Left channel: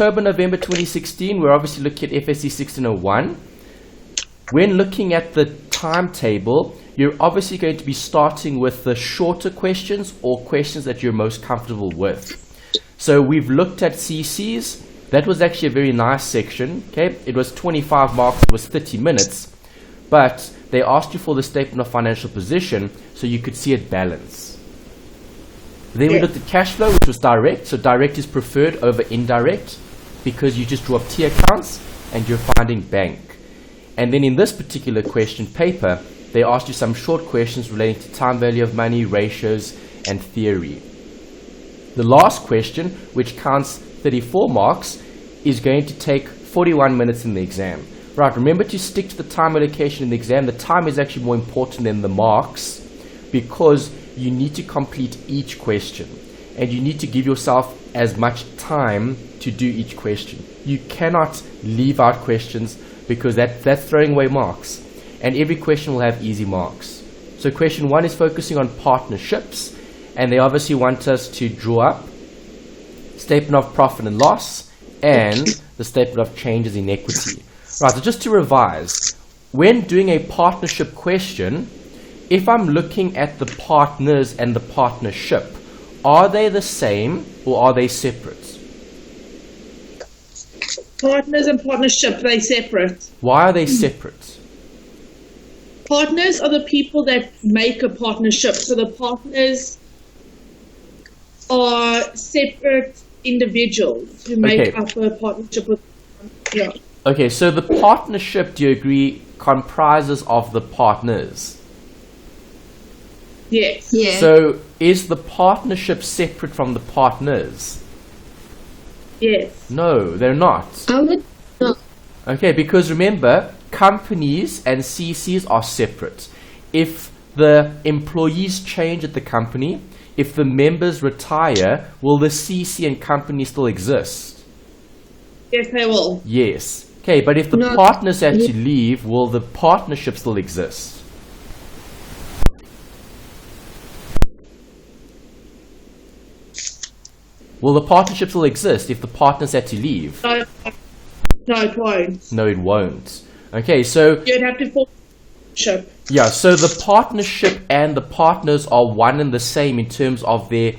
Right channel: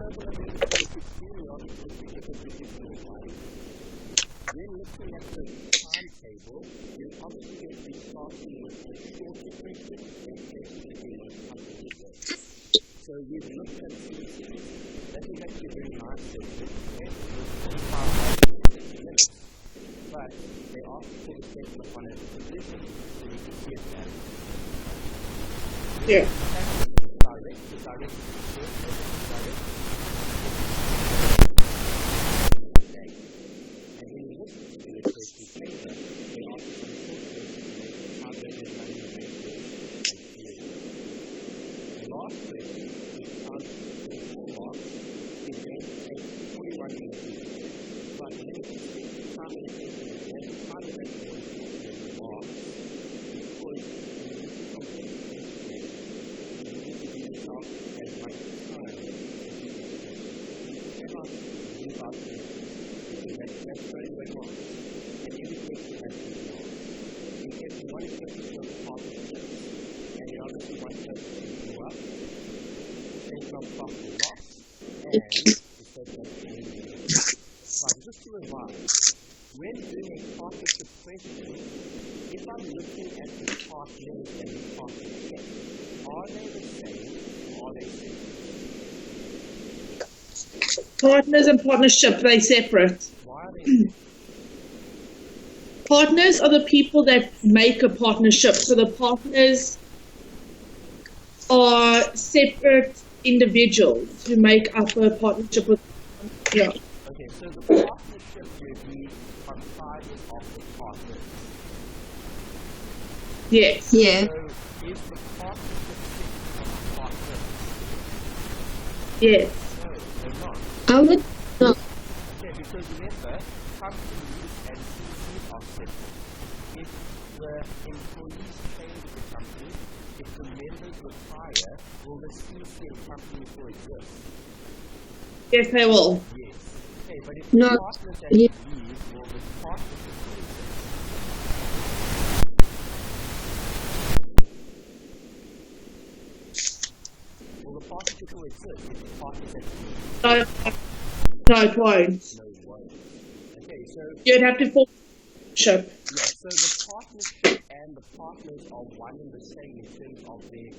October, November 2016, we're obviously looking at FSC 1601. When looking at the timetable, you're obviously going to be starting with the shorter questions or questions that you're most comfortable with. So we've looked at CCs. That was actually a very nice section. Okay, it was 25 marks, it was 30 minutes, but they asked you for the statement of financial position so you could see it balance. Then we looked at cash flow, which was direct. So direct is preferred over indirect because you just drop T accounts and you're finding bank. And then in this particular question paper, they asked you some short questions relating to time value of money, ratios, and theory. The last question, which counts 34 marks, is going to take 41 minutes in the exam. Right, remember to stick to the time allocation in the exam. The time is actually more important than the marks because you need to complete each question and you need to give yourself as much time to do each question. You cannot leave out questions because that's throwing away marks, and every question will have easy marks. So question 1 is focusing on partnerships, and they obviously want us to draw up statement of profit and loss and the statement of changes in equity. Right, so just to revise, when doing a partnership question, if I'm looking at the partners and the partnership, are they the same or are they separate? Partners and partnership, they're separate. Why are they separate? Partners are the people that make a partnership. So the partners are separate individuals who make up a partnership with. Yeah. Okay, so the partnership, do you agree, comprises of the partners? Yes. Yeah. So is the partnership separate from the partners? Yes. No, they're not. I would no. Okay, because remember, companies and CCs are separate. If the employees change at the company, if the members retire, will the CC and company still exist? Yes, they will. Yes. Okay, but if the No. partners actually leave, will the partnership still exist? Will the partnership still exist if the partners had to leave? No, it won't. No, it won't. Okay, so You'd have to form a partnership. yeah, so the partnership and the partners are one and the same in terms of their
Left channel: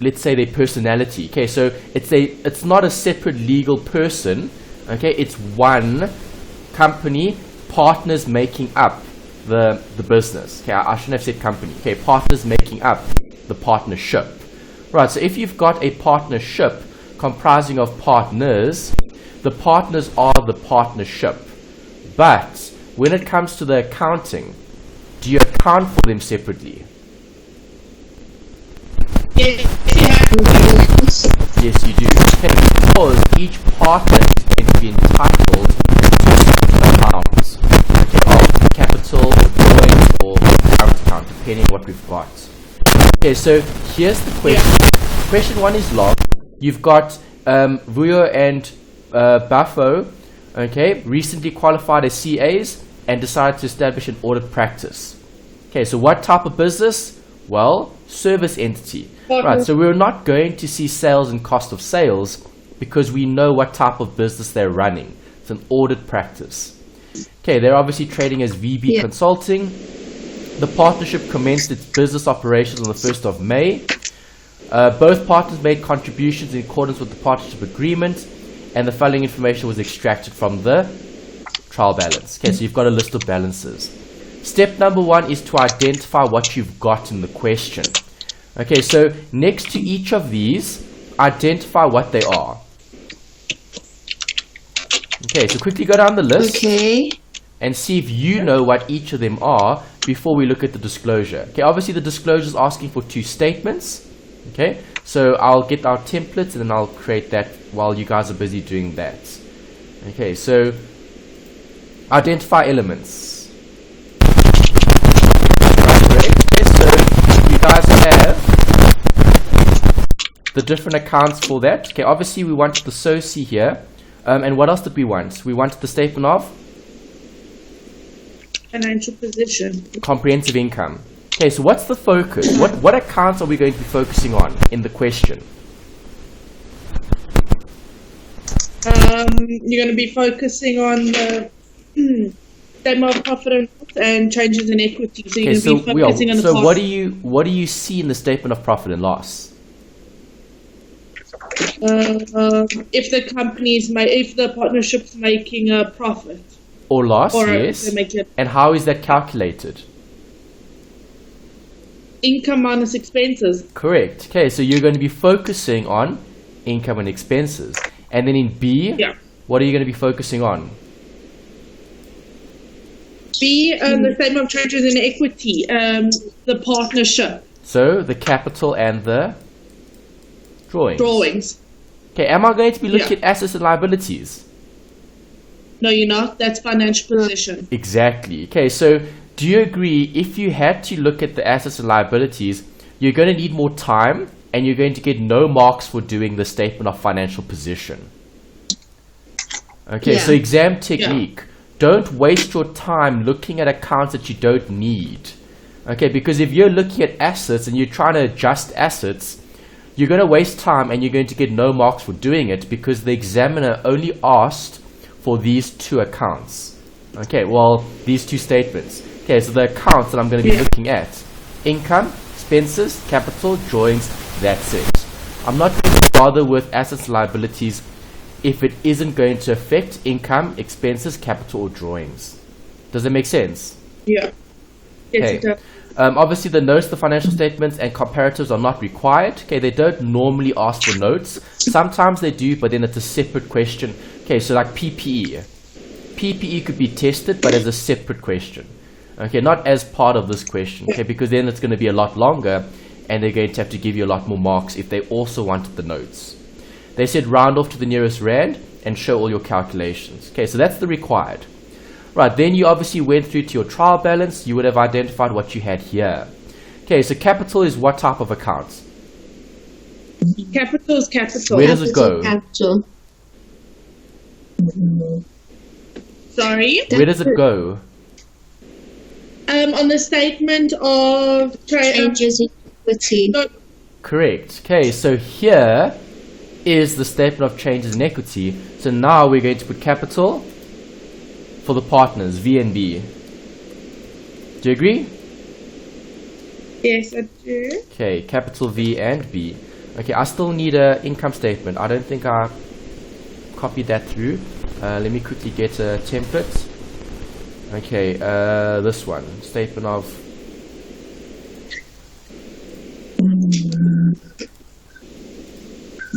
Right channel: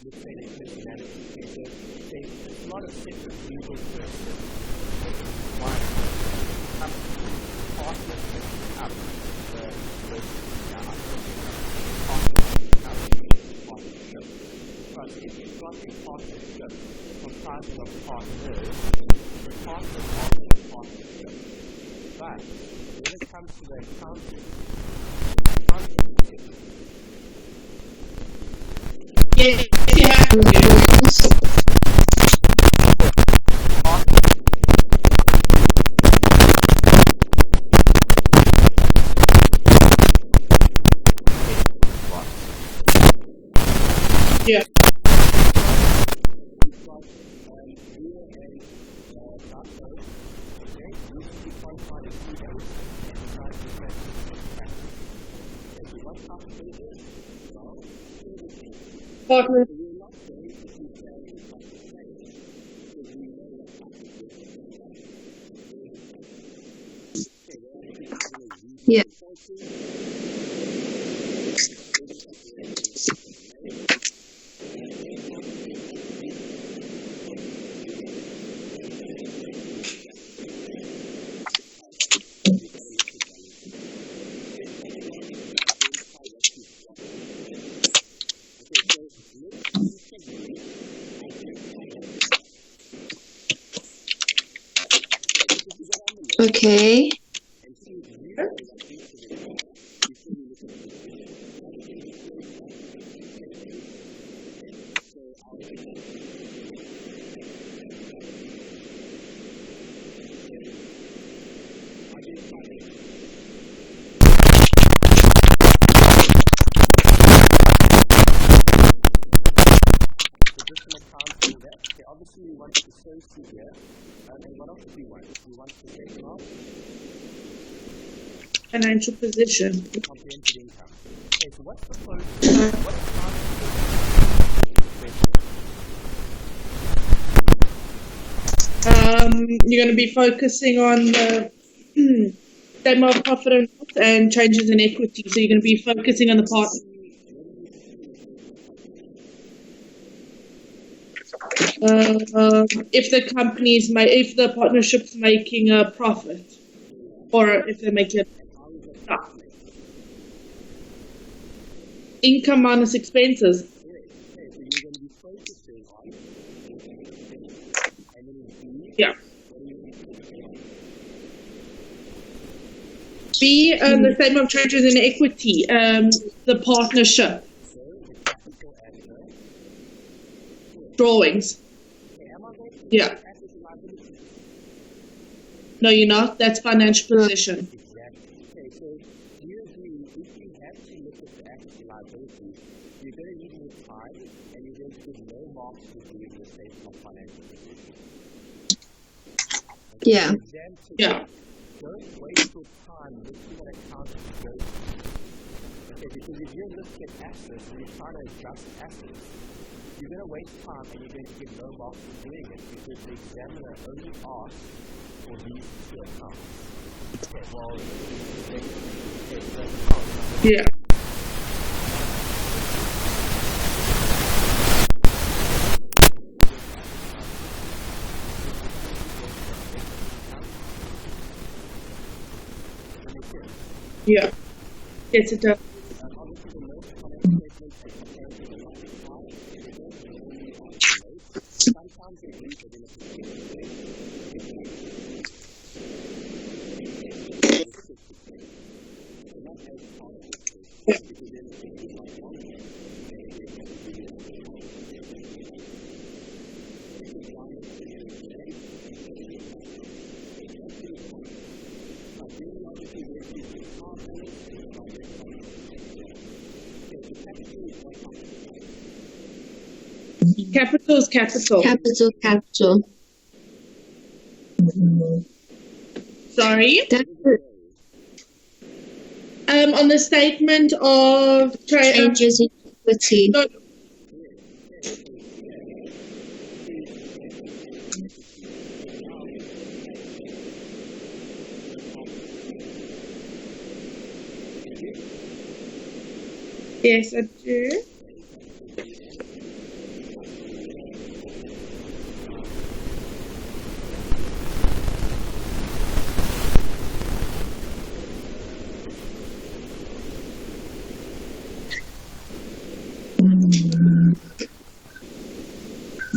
let's say their personality. Okay, so it's not a separate legal person. Okay, it's one company, partners making up the business. Okay, I shouldn't have said company. Okay, partners making up the partnership. Right, so if you've got a partnership comprising of partners, the partners are the partnership. But when it comes to the accounting, do you account for them separately? Yes, you have to. Yes, you do. Okay, because each partner is going to be entitled to an amount of capital or current account, depending on what we've got. Okay, so here's the question. Yeah. Question 1 is long. You've got Vuyo and Buffo, okay, recently qualified as CAs and decided to establish an audit practice. Okay, so what type of business? Well, service entity. Right, so we're not going to see sales and cost of sales because we know what type of business they're running. It's an audit practice. Okay, they're obviously trading as VB Consulting. The partnership commenced its business operations on the 1st of May. Both partners made contributions in accordance with the partnership agreement, and the following information was extracted from the trial balance. Okay, so you've got a list of balances. Step number 1 is to identify what you've got in the question. Okay, so next to each of these, identify what they are. Okay, so quickly go down the list. Okay. And see if you know what each of them are before we look at the disclosure. Okay, obviously the disclosure is asking for 2 statements. Okay, so I'll get our templates and then I'll create that while you guys are busy doing that. Okay, so identify elements. Right, so you guys have the different accounts for that. Okay, obviously we want the SOCI here. And what else did we want? We wanted the statement of Financial position. comprehensive income. Okay, so what's the focus? What accounts are we going to be focusing on in the question? You're going to be focusing on the statement of profit and loss and changes in equity. So you're going to be focusing on the So cost. what do you see in the statement of profit and loss? If the if the partnership's making a profit Or loss, or yes. if they make it And how is that calculated? income minus expenses. Correct. Okay, so you're going to be focusing on income and expenses. And then in B, Yeah. what are you going to be focusing on? B, the statement of changes in equity, the partnership So the capital and the drawings. drawings. Okay, am I going to be looking Yeah. at assets and liabilities? No, you're not. That's financial position. Exactly. Okay, so do you agree if you had to look at the assets and liabilities, you're going to need more time and you're going to get no marks for doing the statement of financial position? Okay, so exam technique. Don't waste your time looking at accounts that you don't need. Okay, because if you're looking at assets and you're trying to adjust assets, you're going to waste time and you're going to get no marks for doing it because the examiner only asked for these two accounts. Okay, well, these two statements. Okay, so the accounts that I'm going to be looking at: income, expenses, capital, drawings, that's it. I'm not going to bother with assets and liabilities if it isn't going to affect income, expenses, capital, or drawings. Does that make sense? Yeah. Yes, Okay. it does. Obviously, the notes, the financial statements, and comparatives are not required. Okay, they don't normally ask for notes. Sometimes they do, but then it's a separate question. Okay, so like PPE. PPE could be tested, but as a separate question. Okay, not as part of this question. Okay, because then it's going to be a lot longer, and they're going to have to give you a lot more marks if they also wanted the notes. They said round off to the nearest rand and show all your calculations. Okay, so that's the required. Right, then you obviously went through to your trial balance. You would have identified what you had here. Okay, so capital is what type of account? Capital is capital. Where does it go? Capital. Sorry. Where does it go? On the statement of Changes in equity. Correct. Okay, so here is the statement of changes in equity. So now we're going to put capital for the partners, V and B. Do you agree? Yes, I do. Okay, capital V and B. Okay, I still need an income statement. I don't think I copied that through. Let me quickly get a template. Okay, this one. Statement of...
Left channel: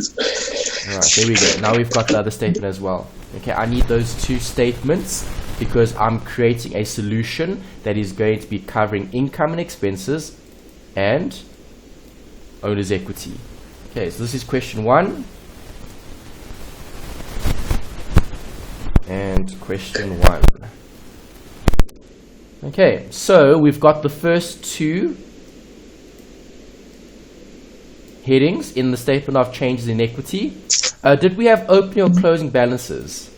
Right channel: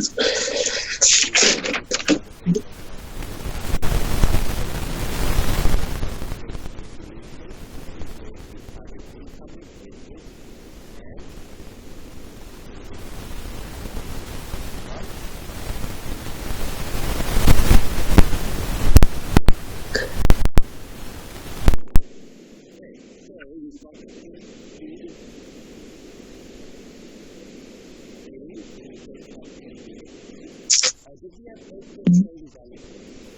Alright, there we go. Now we've got the other statement as well. Okay, I need those two statements because I'm creating a solution that is going to be covering income and expenses and owner's equity. Okay, so this is question 1 and question 1. Okay, so we've got the first two headings in the statement of changes in equity. Did we have opening or closing balances?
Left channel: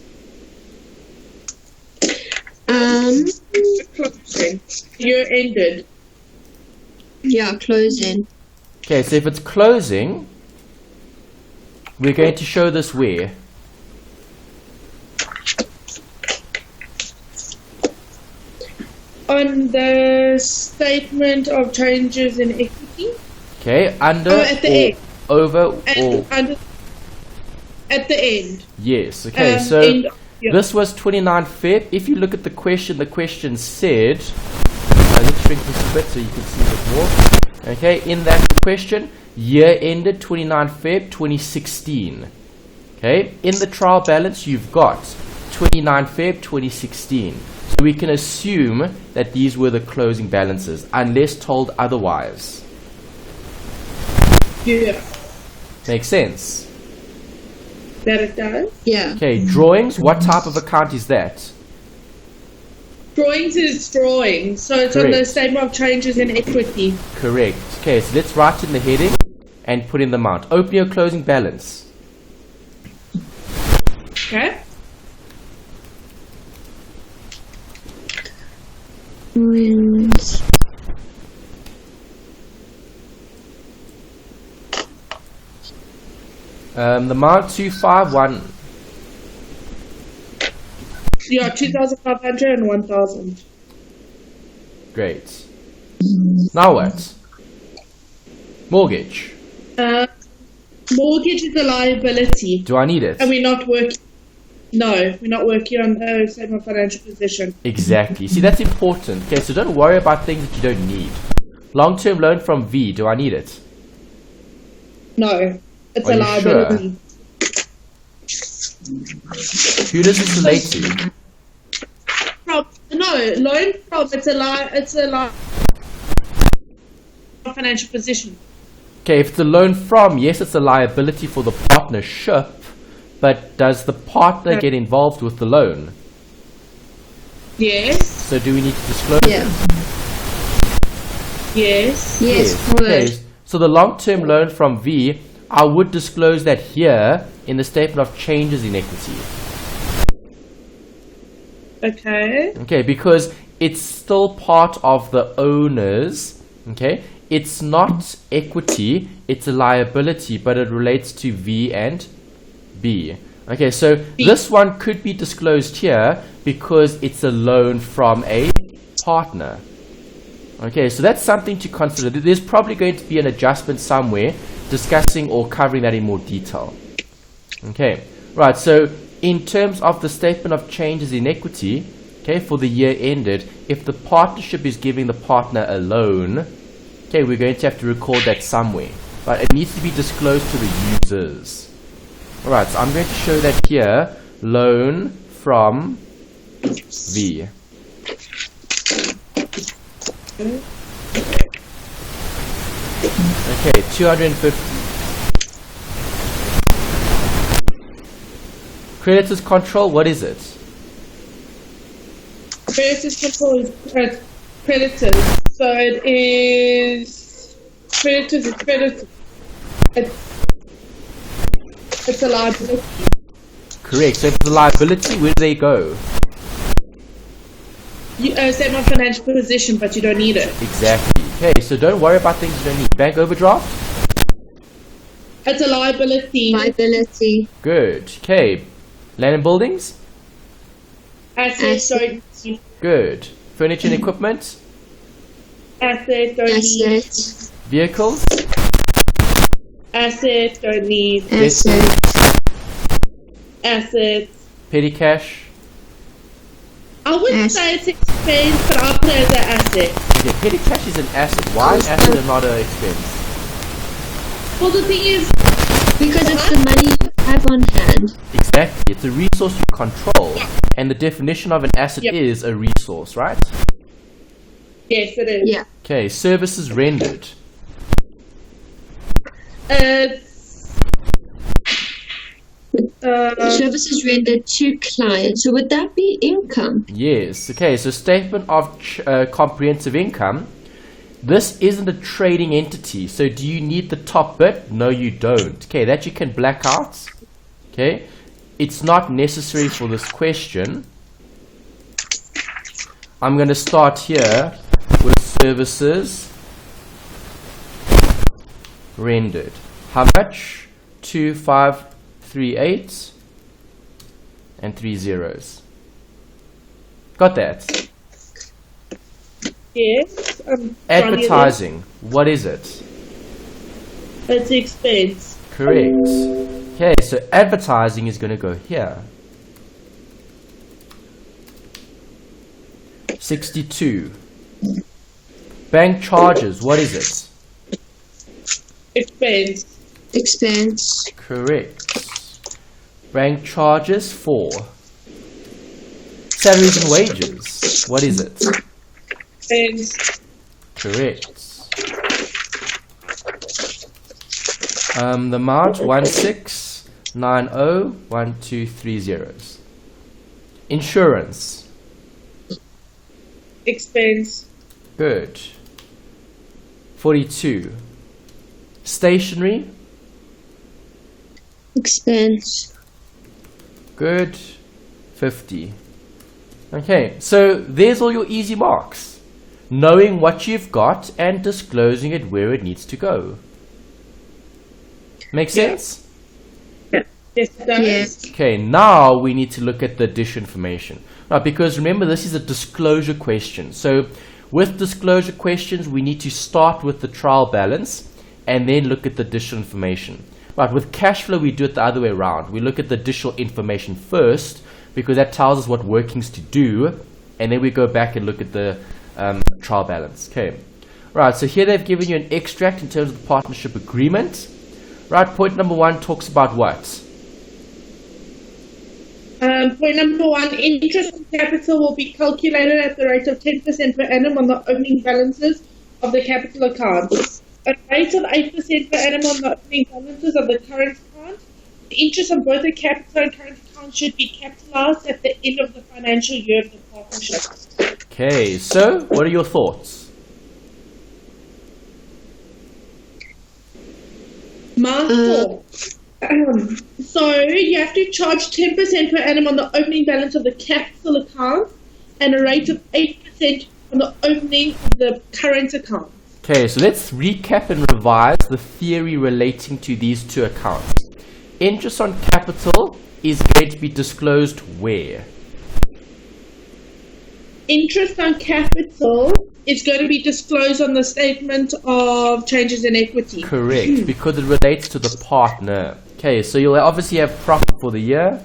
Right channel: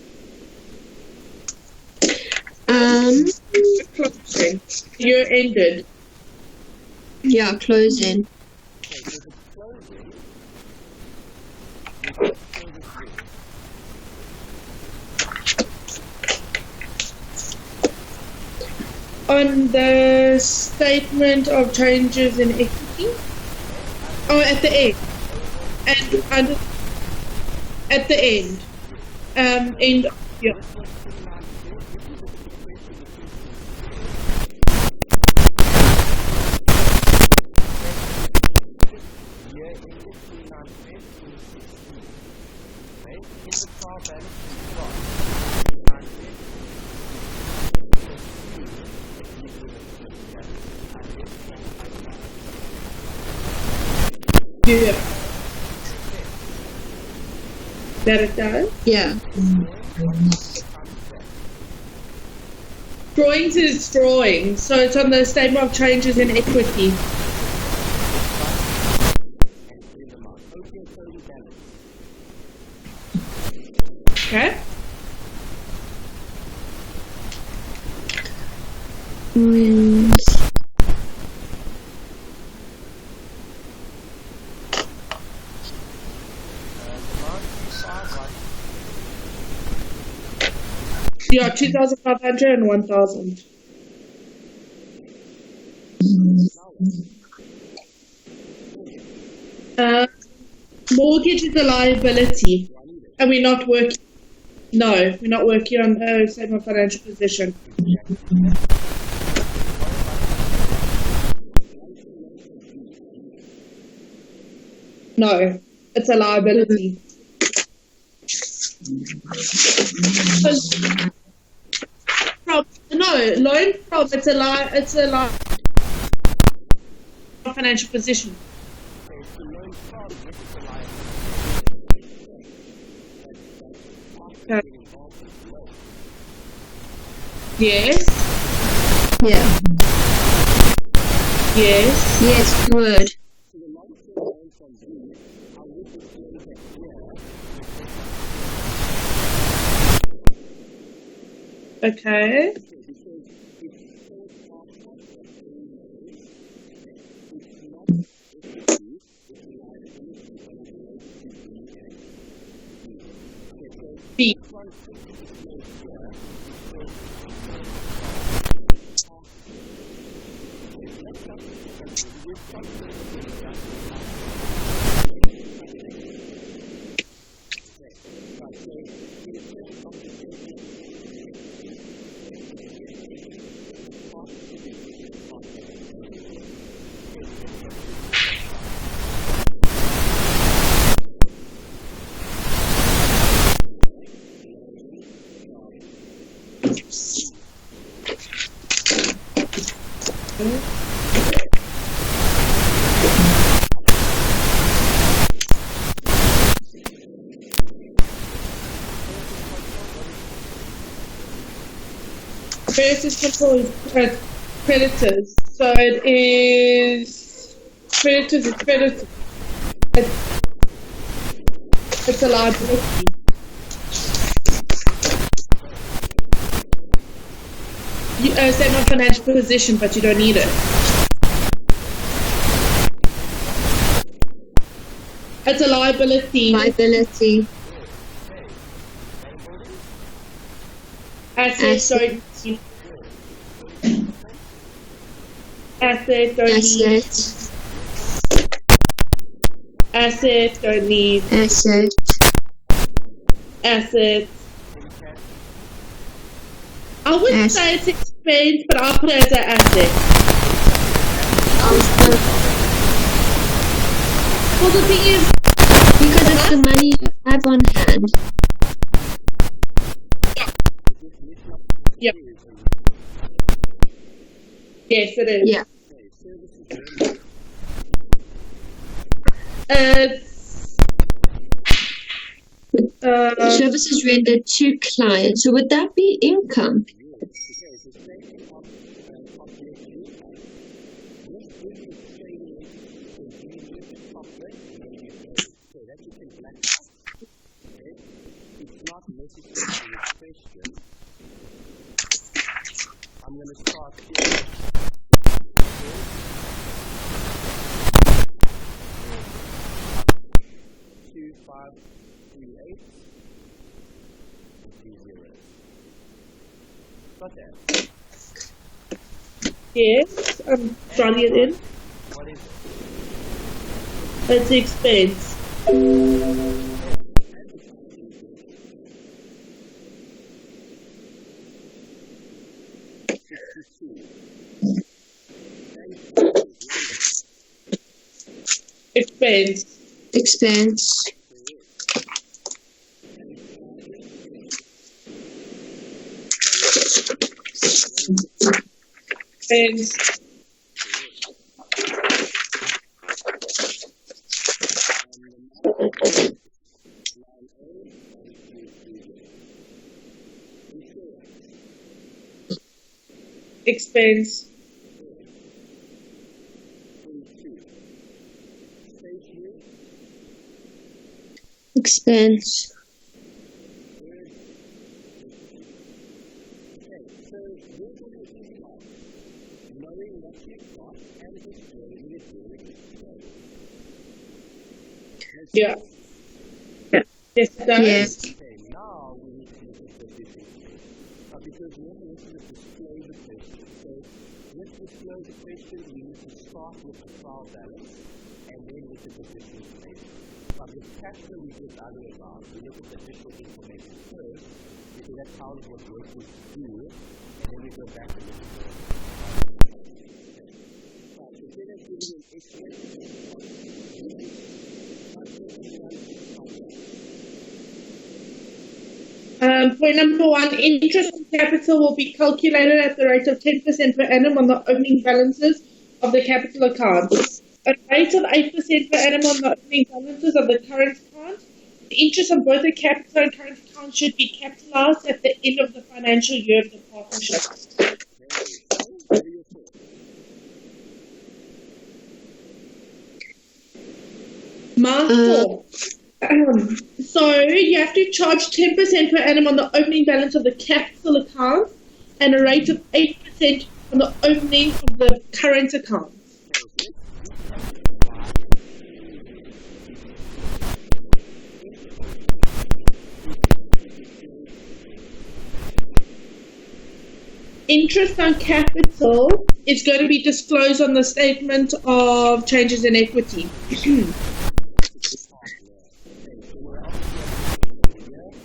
Closing. Year ended. Yeah, closing. Okay, so if it's closing, we're going to show this where? On the statement of changes in equity. Okay, under at the or end. over And or... under, at the end. Yes, okay, so end, yeah. this was 29 Feb. If you look at the question said, let's bring it to the so you can see it more. Okay, in that question, year ended 29 Feb 2016. Okay, in the trial balance, you've got 29 Feb 2016. So we can assume that these were the closing balances, unless told otherwise. Yeah. Makes sense? That it does. Yeah. Okay, drawings, what type of account is that? Drawings is drawing, so it's on the Correct. statement of changes in equity. Correct. Okay, so let's write in the heading and put in the amount. Opening or closing balance? Okay. Drawings. The amount 251. Yeah, 2,500 and 1,000. Great. Now what? Mortgage. Mortgage is a liability. Do I need it? And we're not working. No, we're not working on a statement of financial position. Exactly. See, that's important. Okay, so don't worry about things you don't need. Long-term loan from V. Do I need it? No, it's Are a you liability. Who does it relate to? Loan from it's a financial position. Okay, if it's a loan from, yes, it's a liability for the partnership, but does the partner get involved with the loan? Yes. So do we need to disclose? Yeah. Yes. Yes, Okay, would. so the long-term loan from V, I would disclose that here in the statement of changes in equity. Okay. Okay, because it's still part of the owners. Okay, it's not equity, it's a liability, but it relates to V and B. Okay, so this one could be disclosed here because it's a loan from a partner. Okay, so that's something to consider. There's probably going to be an adjustment somewhere discussing or covering that in more detail. Okay, right, so in terms of the statement of changes in equity, okay, for the year ended, if the partnership is giving the partner a loan, okay, we're going to have to record that somewhere. But it needs to be disclosed to the users. Alright, so I'm going to show that here, loan from V. Okay, 250. Creditors control, what is it? Creditors control is creditors. So it is creditors is creditors. It's a liability. Correct, that's the liability, where do they go? You statement of financial position, but you don't need it. Exactly. Okay, so don't worry about things like bank overdraft. It's a liability. Liability. Good. Okay. Land and buildings? Assets don't need. Good. Furniture and equipment? Assets don't need. Asset. Vehicles? Assets don't need. Asset. Assets. Petty cash? I wouldn't say it's expense, but I'll put it as an asset. Petty cash is an asset. Why is an asset not Well, the thing is, Because it's the money you have on hand. Exactly. It's a resource you control. And the definition of an asset is a resource, right? yes, it is. Yeah. Okay. Services rendered. Services rendered to clients. So would that be income? Yes. Okay. So statement of comprehensive income. This isn't a trading entity. So do you need the top bit? No, you don't. Okay. That you can black out. Okay. It's not necessary for this question. I'm going to start here with services rendered. How much? 2538 and 3 zeros. Got that? Yes. Advertising. What is it? It's expense. Correct. Okay, so advertising is going to go here. 62. Bank charges. What is it? Expense. Expense. Correct. Bank charges 4. Salaries and wages. What is it? Expense. Correct. The amount 16901230. Insurance. Expense. Good. 42. Stationery. Expense. Good. 50. Okay, so there's all your easy marks. Knowing what you've got and disclosing it where it needs to go. Make sense? Yes, it does. Yes. Okay, now we need to look at the dish information. Because remember, this is a disclosure question. So with disclosure questions, we need to start with the trial balance and then look at the additional information. But with cash flow, we do it the other way around. We look at the additional information first, because that tells us what workings to do, and then we go back and look at the trial balance. Okay. Right, so here they've given you an extract in terms of the partnership agreement. Right, point number 1 talks about what? Point number 1, interest on capital will be calculated at the rate of 10% per annum on the opening balances of the capital account. A rate of 8% per annum on the opening balances of the current account. The interest on both the capital and current account should be capitalized at the end of the financial year of the partnership. Okay, so what are your thoughts? My thoughts. So you have to charge 10% per annum on the opening balance of the capital account and a rate of 8% on the opening of the current account. Okay, so let's recap and revise the theory relating to these two accounts. Interest on capital is going to be disclosed where? Interest on capital is going to be disclosed on the statement of changes in equity. Correct, because it relates to the partner. Okay, so you'll obviously have profit for the year.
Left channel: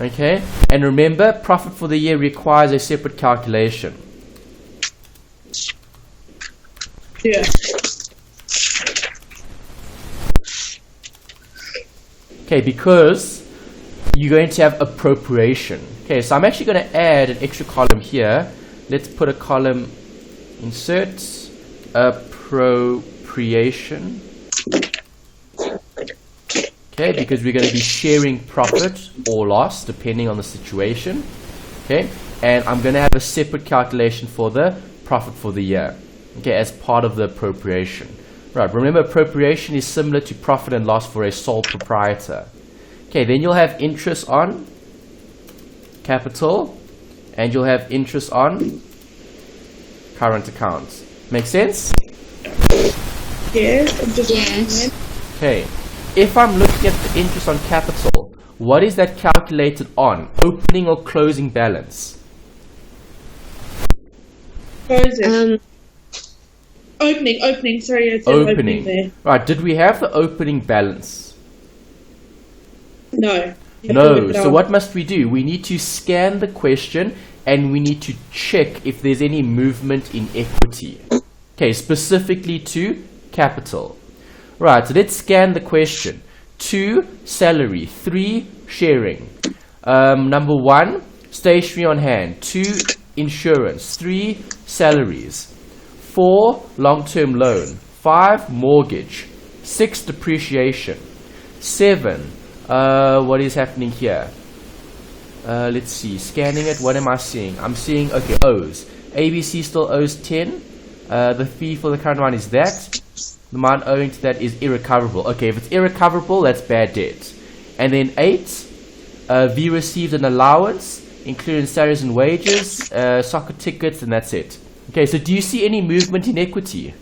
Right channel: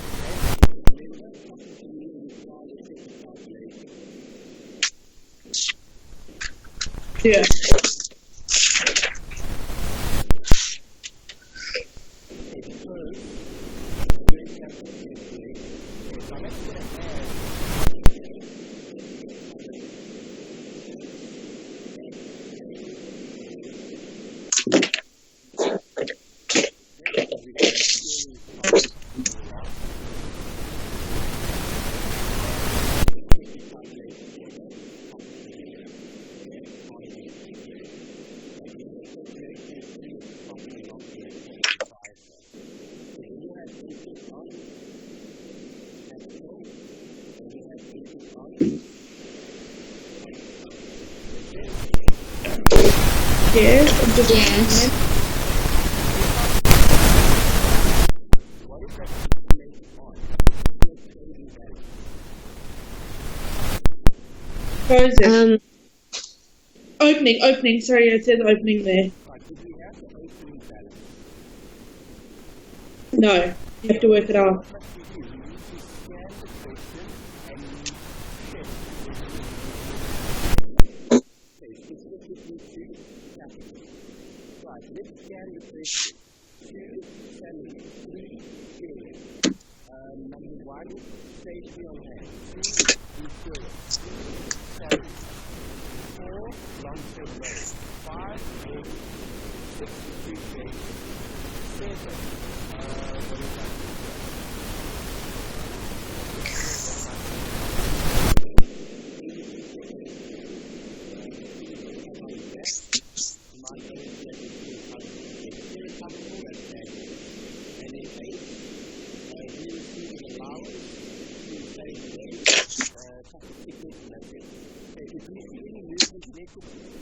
Okay, and remember, profit for the year requires a separate calculation. Yeah. Okay, because you're going to have appropriation. Okay, so I'm actually going to add an extra column here. Let's put a column, insert, appropriation. Okay, because we're going to be sharing profit or loss depending on the situation. Okay, and I'm going to have a separate calculation for the profit for the year. Okay, as part of the appropriation. Right, remember, appropriation is similar to profit and loss for a sole proprietor. Okay, then you'll have interest on capital and you'll have interest on current accounts. Make sense? Yes. Yes. Okay, if I'm looking at the interest on capital, what is that calculated on? Opening or closing balance? Closing. Opening. Sorry, I said opening there. Right, did we have the opening balance? No. No, so what must we do? We need to scan the question and we need to check if there's any movement in equity. Okay, specifically to capital. Right, so let's scan the question. 2, salary. 3, sharing. Number 1, stationery on hand. 2, insurance. 3, salaries. 4, long-term loan. 5, mortgage. 6, depreciation. 7, what is happening here? Let's see, scanning it, what am I seeing? I'm seeing, okay, O's. ABC still owes 10. The fee for the current one is that. The amount owing to that is irrecoverable. Okay, if it's irrecoverable, that's bad debt. And then 8, V received an allowance, including salaries and wages, soccer tickets, and that's it. Okay, so do you see any movement in equity?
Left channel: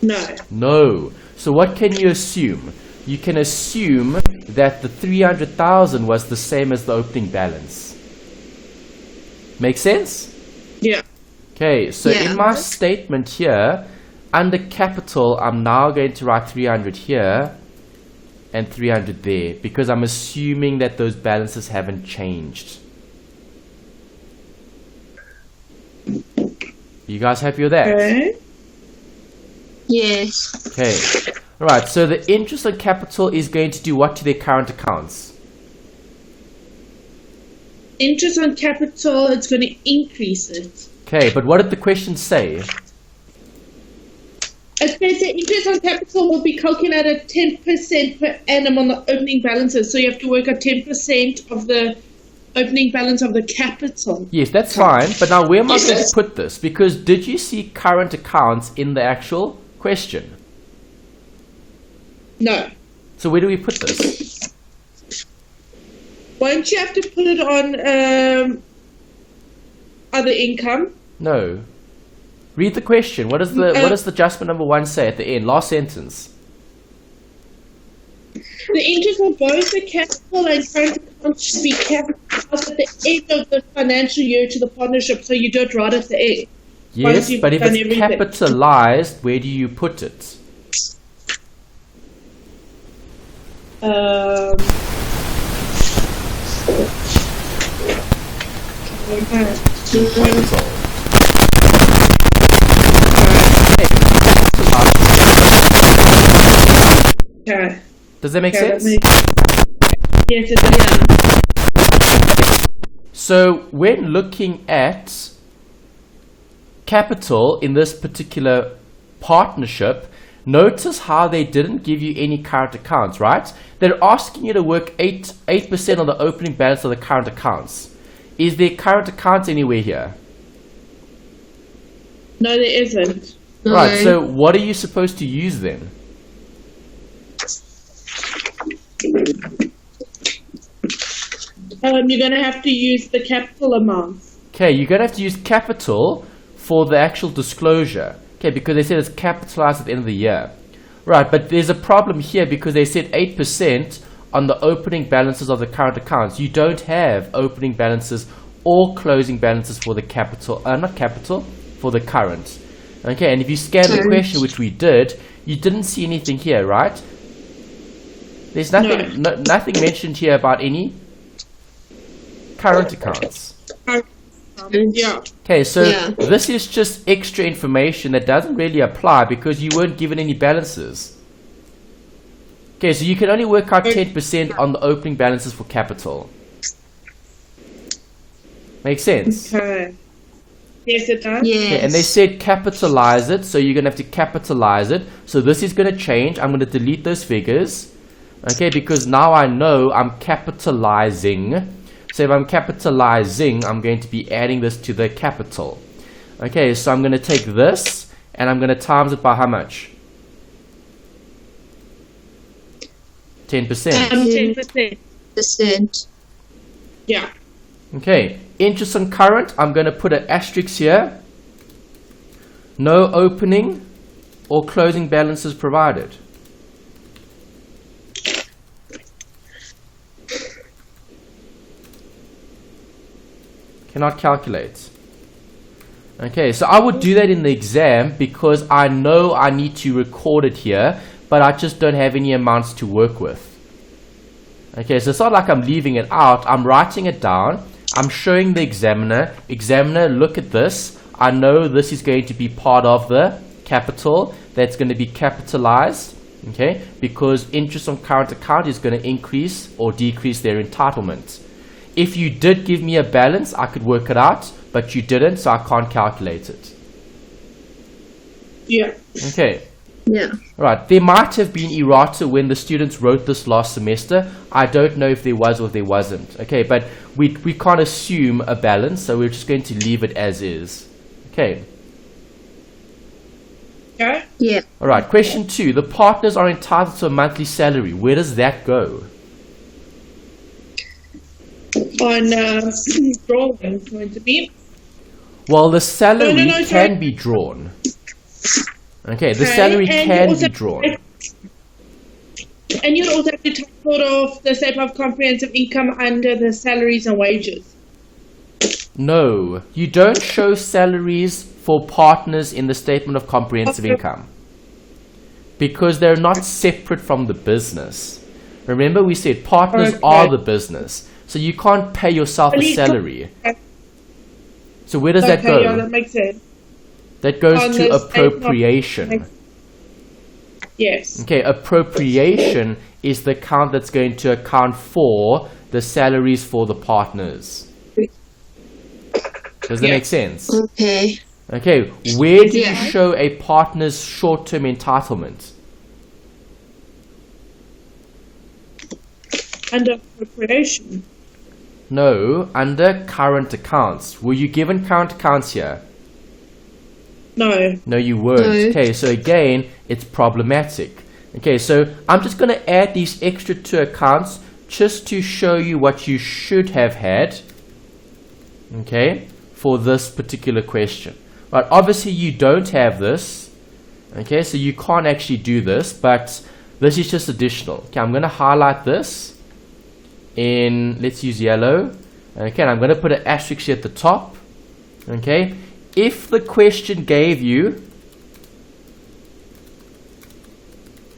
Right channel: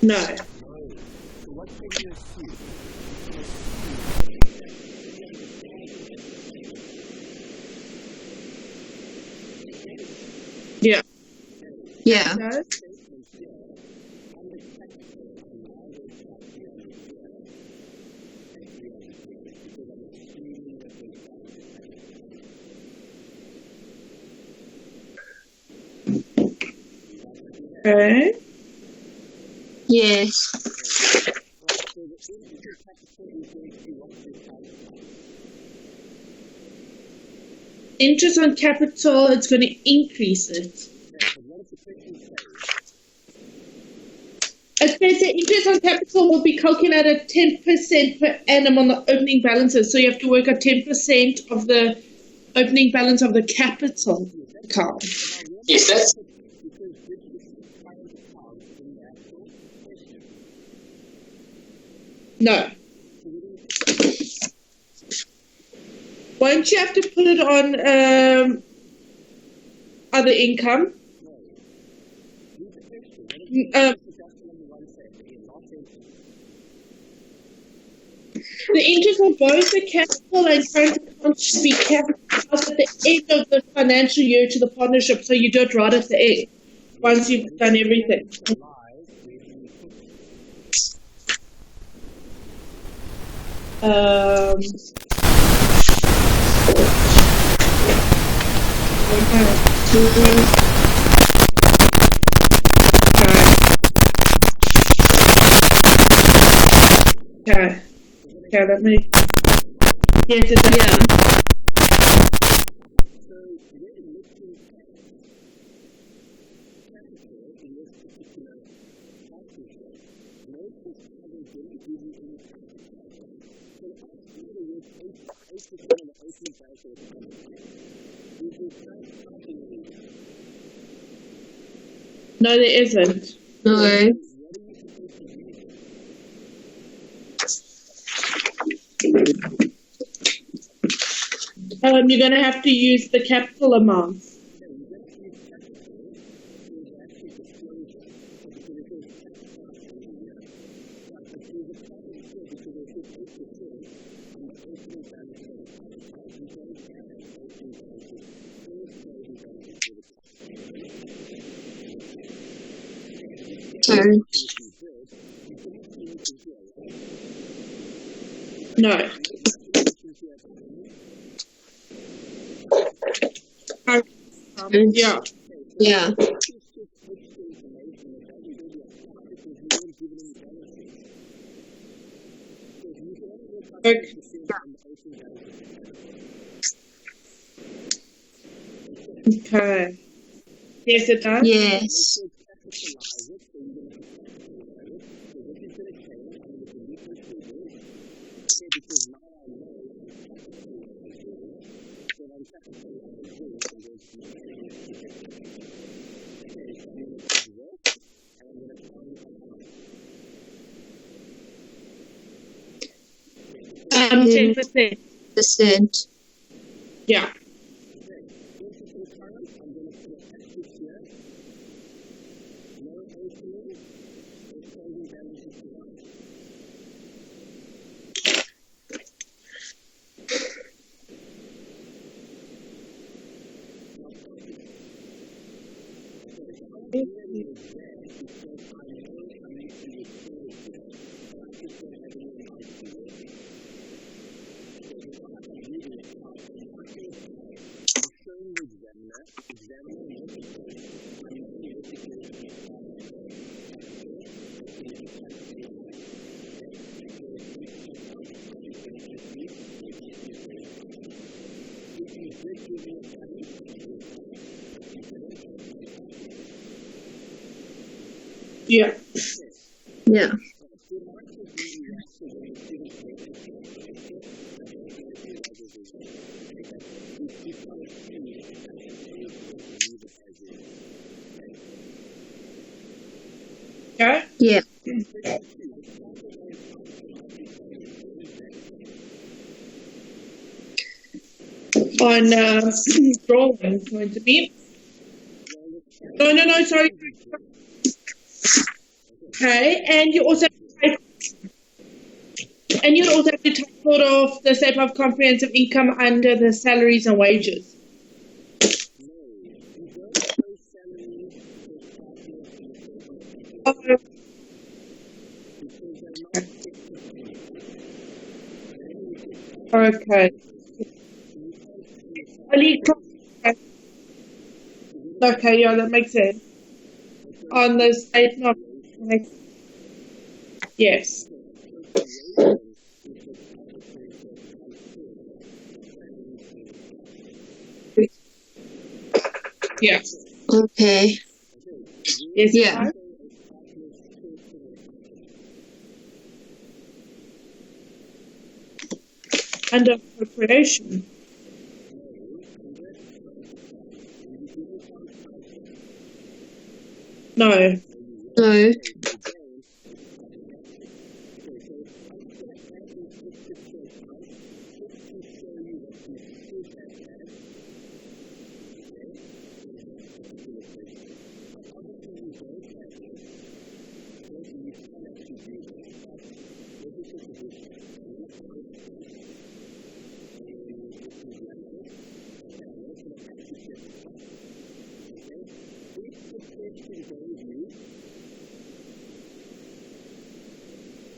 No. No. So what can you assume? You can assume that the 300,000 was the same as the opening balance. Make sense? Yeah. Okay, so in my statement here, under capital, I'm now going to write 300 here and 300 there, because I'm assuming that those balances haven't changed. You guys happy with that? Okay. Yes. Okay. Alright, so the interest on capital is going to do what to their current accounts? Interest on capital, it's going to increase it. Okay, but what did the question say? It says the interest on capital will be calculated 10% per annum on the opening balances. So you have to work out 10% of the opening balance of the capital. Yes, that's fine. But now where am I going to put this? Because did you see current accounts in the actual question? No. So where do we put this? Won't you have to put it on other income? No. Read the question. What does the adjustment number 1 say at the end? Last sentence. The interest on both the capital and current accounts should be capitalized at the end of the financial year to the partnership, so you do it right at the end. Once Yes, you've but if done it's everything. capitalized, where do you put it? Okay. Does that make Okay, sense? yes, it does. Yeah. So when looking at capital in this particular partnership, notice how they didn't give you any current accounts, right? They're asking you to work 8% on the opening balance of the current accounts. Is there current accounts anywhere here? No, there isn't. No. Right, so what are you supposed to use then? You're going to have to use the capital amounts. Okay, you're going to have to use capital for the actual disclosure. Okay, because they said it's capitalized at the end of the year. Right, but there's a problem here because they said 8% on the opening balances of the current accounts. You don't have opening balances or closing balances for the capital, not capital, for the current. Okay, and if you scan the question, which we did, you didn't see anything here, right? There's nothing, nothing mentioned here about any current accounts. Yeah. Okay, so Yeah. this is just extra information that doesn't really apply because you weren't given any balances. Okay, so you can only work out 10% on the opening balances for capital. Makes sense? Okay. Yes, it does. Yes. And they said capitalize it, so you're going to have to capitalize it. So this is going to change. I'm going to delete those figures. Okay, because now I know I'm capitalizing. So if I'm capitalizing, I'm going to be adding this to the capital. Okay, so I'm going to take this and I'm going to times it by how much? 10%. 10%. %. Yeah. Okay, interest on current, I'm going to put an asterisk here. No opening or closing balances provided. Cannot calculate. Okay, so I would do that in the exam because I know I need to record it here, but I just don't have any amounts to work with. Okay, so it's not like I'm leaving it out. I'm writing it down. I'm showing the examiner. Examiner, look at this. I know this is going to be part of the capital. That's going to be capitalized. Okay, because interest on current account is going to increase or decrease their entitlement. If you did give me a balance, I could work it out, but you didn't, so I can't calculate it. Yeah. Okay. Yeah. Right, there might have been errata when the students wrote this last semester. I don't know if there was or there wasn't. Okay, but we can't assume a balance, so we're just going to leave it as is. Okay. Okay. Yeah. All right, question 2. The partners are entitled to a monthly salary. Where does that go? On drawing is going to be. Well, the salary No, sorry. can be drawn. Okay, the Okay, salary and you can also- be drawn. And you also have to take sort of the statement of comprehensive income under the salaries and wages. No, you don't show salaries for partners in the statement of comprehensive Okay. income because they're not separate from the business. Remember, we said partners Okay. are the business, so you can't pay yourself a Only- salary. So where does that Okay, go? yeah, that makes sense. That goes on to the statement of- appropriation. Yes. Okay, appropriation is the account that's going to account for the salaries for the partners. Does that Yeah. make sense? Okay. Okay, where do Yeah. you show a partner's short-term entitlement? Under appropriation. No, under current accounts. Were you given current accounts here? No. No, you weren't. No. Okay, so again, it's problematic. Okay, so I'm just going to add these extra 2 accounts just to show you what you should have had, okay, for this particular question. Right, obviously you don't have this, okay, so you can't actually do this, but this is just additional. Okay, I'm going to highlight this in, let's use yellow. Okay, and I'm going to put an asterisk here at the top. Okay, if the question gave you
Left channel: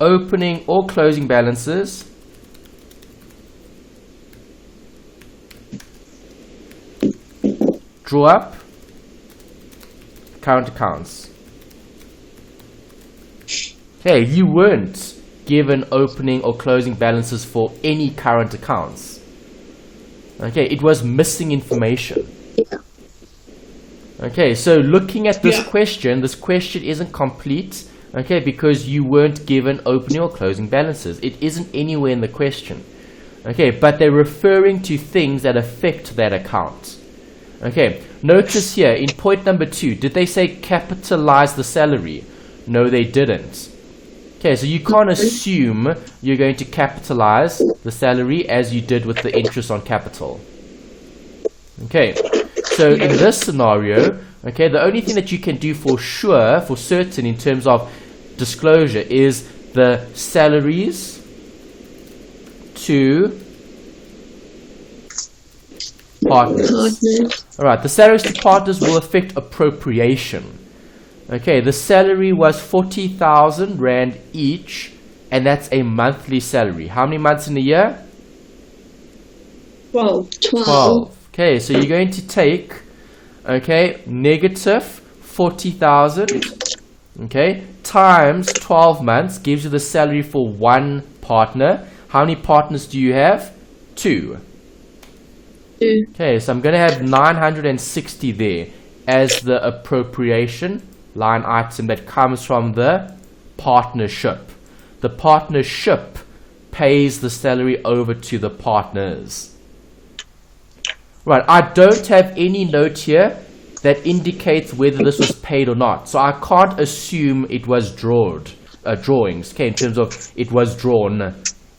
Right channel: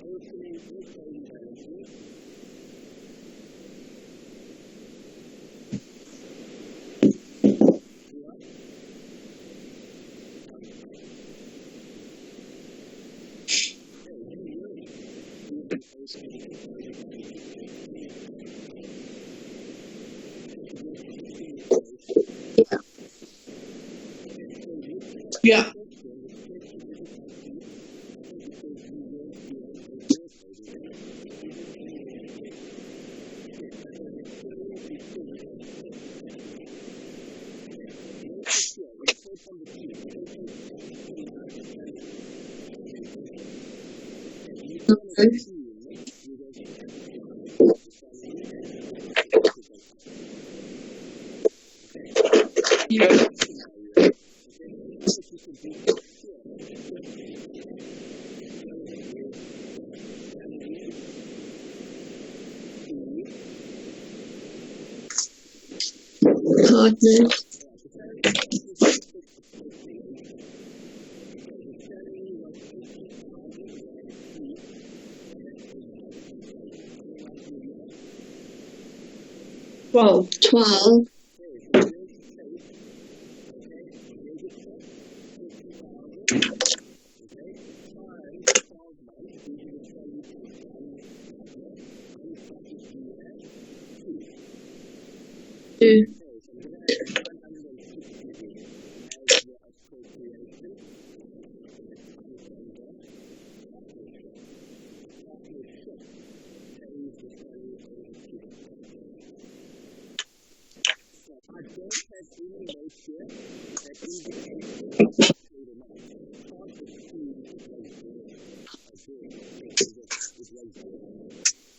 opening or closing balances draw up current accounts. Okay, you weren't given opening or closing balances for any current accounts. Okay, it was missing information. Yeah. Okay, so looking at this question isn't complete, okay, because you weren't given opening or closing balances. It isn't anywhere in the question. Okay, but they're referring to things that affect that account. Okay, notice here in point number 2, did they say capitalize the salary? No, they didn't. Okay, so you can't assume you're going to capitalize the salary as you did with the interest on capital. Okay, so in this scenario, okay, the only thing that you can do for sure, for certain in terms of disclosure is the salaries to partners. Alright, the salaries to partners will affect appropriation. Okay, the salary was 40,000 Rand each, and that's a monthly salary. How many months in a year? 12. Okay, so you're going to take, okay, negative 40,000, okay, times 12 months gives you the salary for one partner. How many partners do you have? 2. Okay, so I'm going to have 960 there as the appropriation line item that comes from the partnership. The partnership pays the salary over to the partners. Right, I don't have any note here that indicates whether this was paid or not. So I can't assume it was drawings, okay, in terms of it was drawn.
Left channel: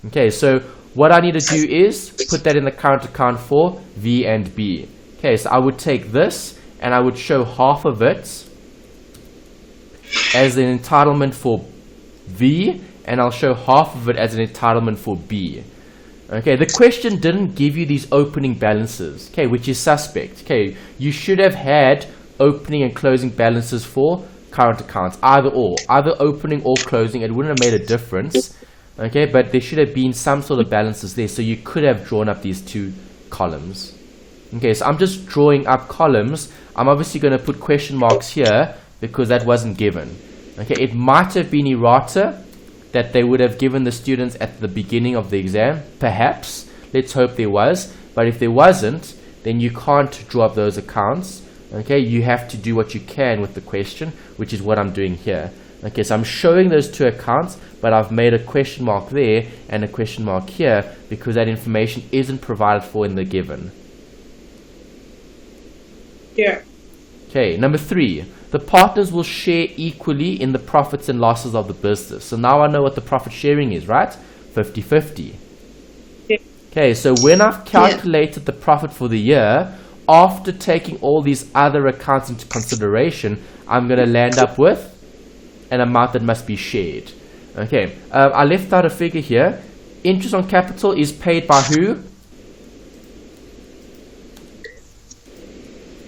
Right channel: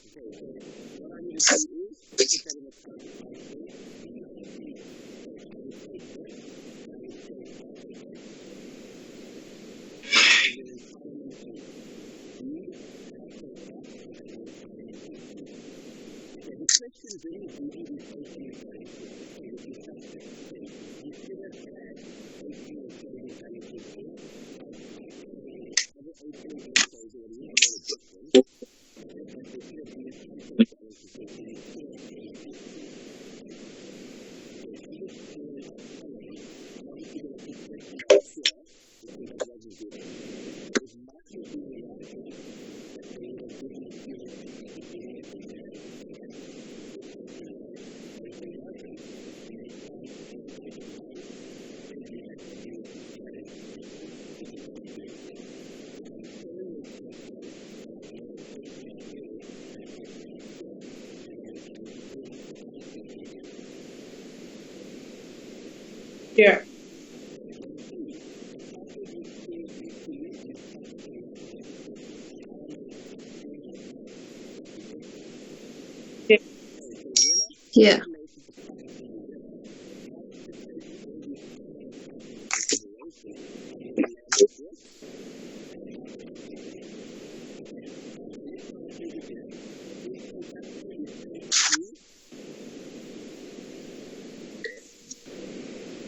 Okay, so what I need to do is put that in the current account for V and B. Okay, so I would take this and I would show half of it as an entitlement for V, and I'll show half of it as an entitlement for B. Okay, the question didn't give you these opening balances, okay, which is suspect. Okay, you should have had opening and closing balances for current accounts, either opening or closing. It wouldn't have made a difference, okay, but there should have been some sort of balances there, so you could have drawn up these two columns. Okay, so I'm just drawing up columns. I'm obviously going to put question marks here because that wasn't given. Okay, it might have been errata that they would have given the students at the beginning of the exam, perhaps. Let's hope there was. But if there wasn't, then you can't draw up those accounts. Okay, you have to do what you can with the question, which is what I'm doing here. Okay, so I'm showing those two accounts, but I've made a question mark there and a question mark here because that information isn't provided for in the given. Yeah. Okay, number 3. The partners will share equally in the profits and losses of the business. So now I know what the profit sharing is, right? 50-50. Yeah. Okay, so when I've calculated the profit for the year, after taking all these other accounts into consideration, I'm going to land up with an amount that must be shared. Okay, I left out a figure here. Interest on capital is paid by who?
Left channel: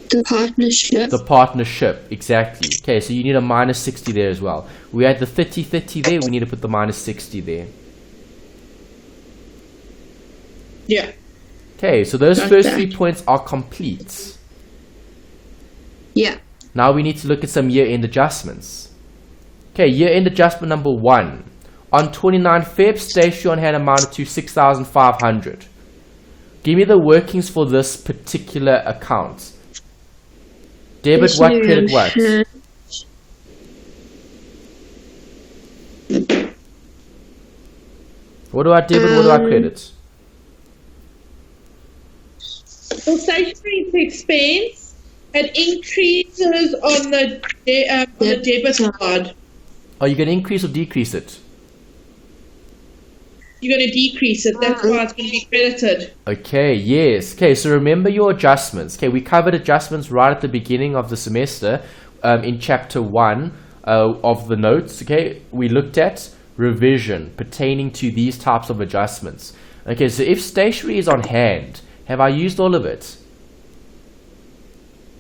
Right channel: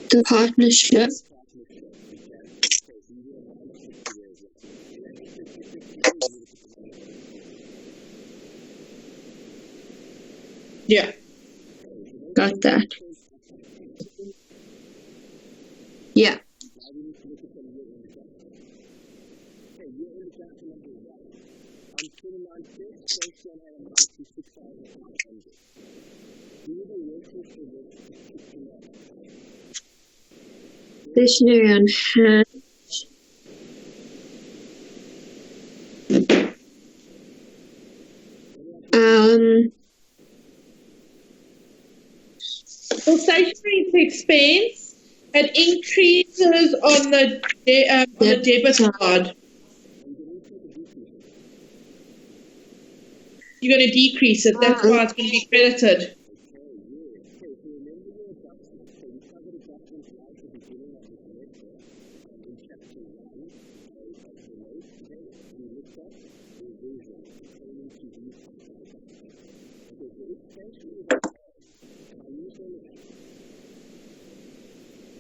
The partnership. The partnership, exactly. Okay, so you need a minus 60 there as well. We had the 30-30 there, we need to put the minus 60 there. Yeah. Okay, so those first 3 points are complete. Yeah. Now we need to look at some year-end adjustments. Okay, year-end adjustment number 1. On 29 Feb, stationery on hand amounted to 6,500. Give me the workings for this particular account. Debit what, credit what? What do I debit, what do I credit? For stationery expense, it increases on the debit card. Are you going to increase or decrease it? You're going to decrease it. That's why it's going to be credited. Okay, yes. Okay, so remember your adjustments. Okay, we covered adjustments right at the beginning of the semester in chapter 1 of the notes. Okay, we looked at revision pertaining to these types of adjustments. Okay, so if stationery is on hand, Have I used all of it?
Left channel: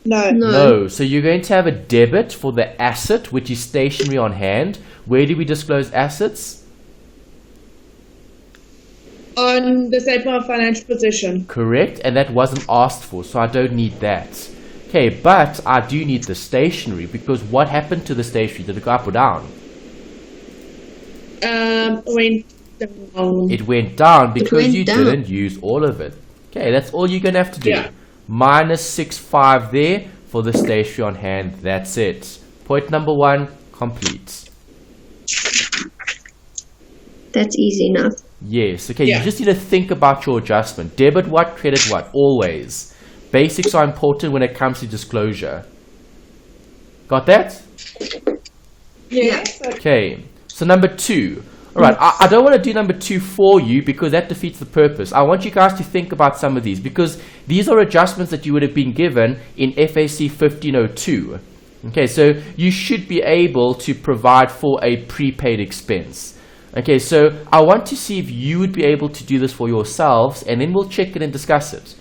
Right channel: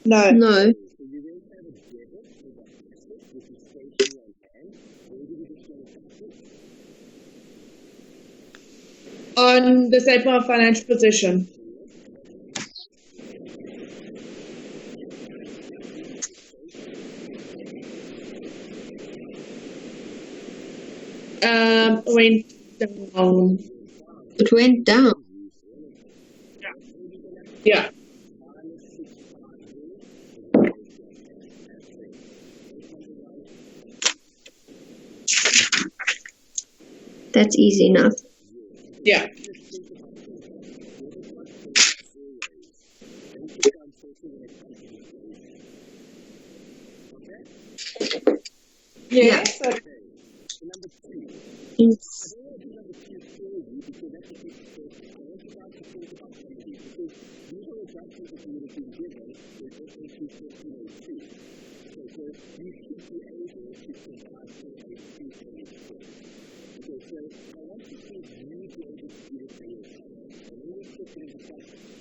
No. No. So you're going to have a debit for the asset, which is stationery on hand. Where do we disclose assets? On the statement of financial position. Correct, and that wasn't asked for, so I don't need that. Okay, but I do need the stationery, because what happened to the stationery? Did it go up or down? Went down. It went down because you didn't use all of it. Okay, that's all you're going to have to do. Yeah. Minus 6.5 there for the stationery on hand. That's it. Point number 1, complete. That's easy enough. Yes, okay, Yeah. you just need to think about your adjustment. Debit what, credit what, always. Basics are important when it comes to disclosure. Got that? Yes. Okay, so number 2. Alright, I don't want to do number 2 for you because that defeats the purpose. I want you guys to think about some of these because these are adjustments that you would have been given in FAC 1502. Okay, so you should be able to provide for a prepaid expense. Okay, so I want to see if you would be able to do this for yourselves and then we'll check it and discuss it.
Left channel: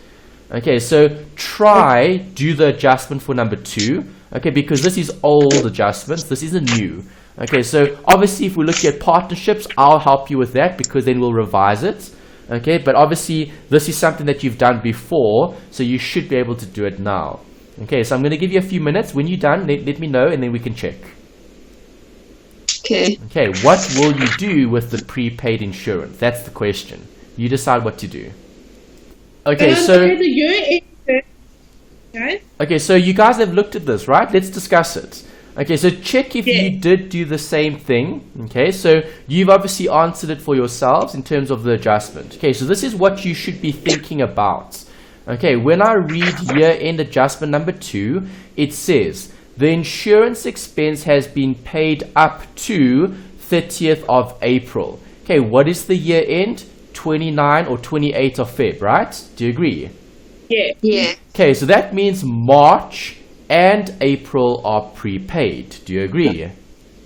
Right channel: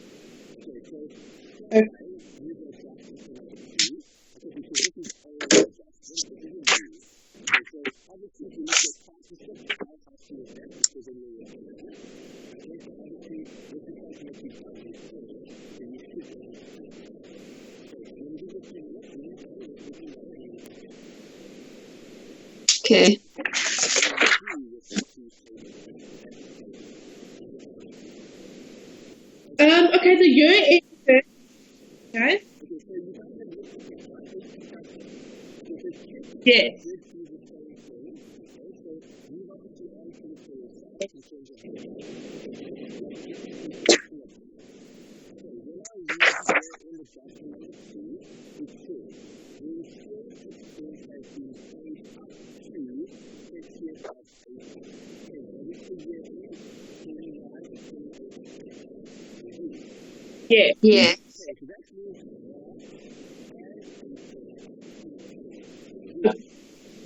Okay, so try do the adjustment for number 2. Okay, because this is old adjustments, this isn't new. Okay, so obviously if we look at partnerships, I'll help you with that because then we'll revise it. Okay, but obviously this is something that you've done before, so you should be able to do it now. Okay, so I'm going to give you a few minutes. When you're done, let me know and then we can check. Okay. Okay, what will you do with the prepaid insurance? That's the question. You decide what to do. Okay, Okay, the year end. Okay. Okay, so you guys have looked at this, right? Let's discuss it. Okay, so check if you did do the same thing. Okay, so you've obviously answered it for yourselves in terms of the adjustment. Okay, so this is what you should be thinking about. Okay, when I read year-end adjustment number 2, it says, the insurance expense has been paid up to 30th of April. Okay, what is the year end? 29 or 28 of Feb, right? Do you agree? Yeah. Yeah. Okay, so that means March and April are prepaid. Do you agree?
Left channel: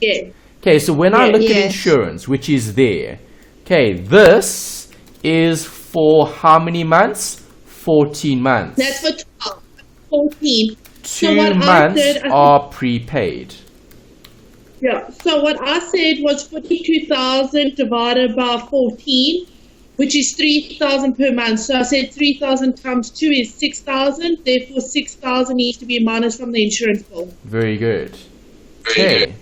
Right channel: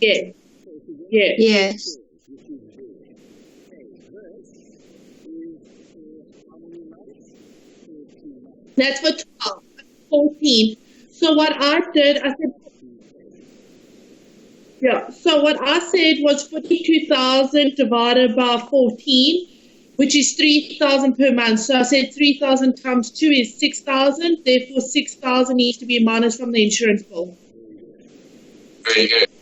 Yeah. Okay, so when I look at Yes. insurance, which is there, okay, this is for how many months? 14 months. That's for 12. 14. 2 So what I months did, are prepaid. Yeah. So what I said was 42,000 divided by 14, which is 3,000 per month. So I said 3,000 times 2 is 6,000. Therefore, 6,000 needs to be minus from the insurance bill. Very good. Okay.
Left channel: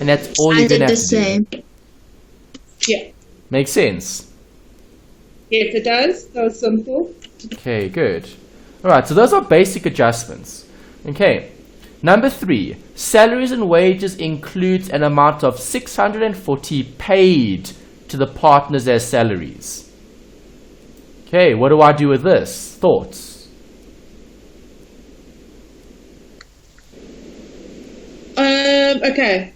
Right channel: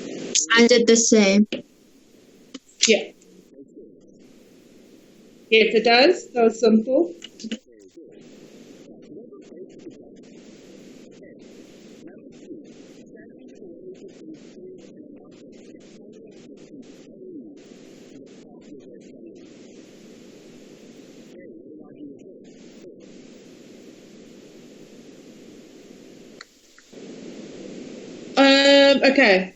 And that's all I you're did gonna the have to do. same. Yeah. Makes sense. Yes, it does. So simple. Okay, good. Alright, so those are basic adjustments. Okay. Number 3, salaries and wages includes an amount of 640 paid to the partners as salaries. Okay, what do I do with this? Thoughts? Okay.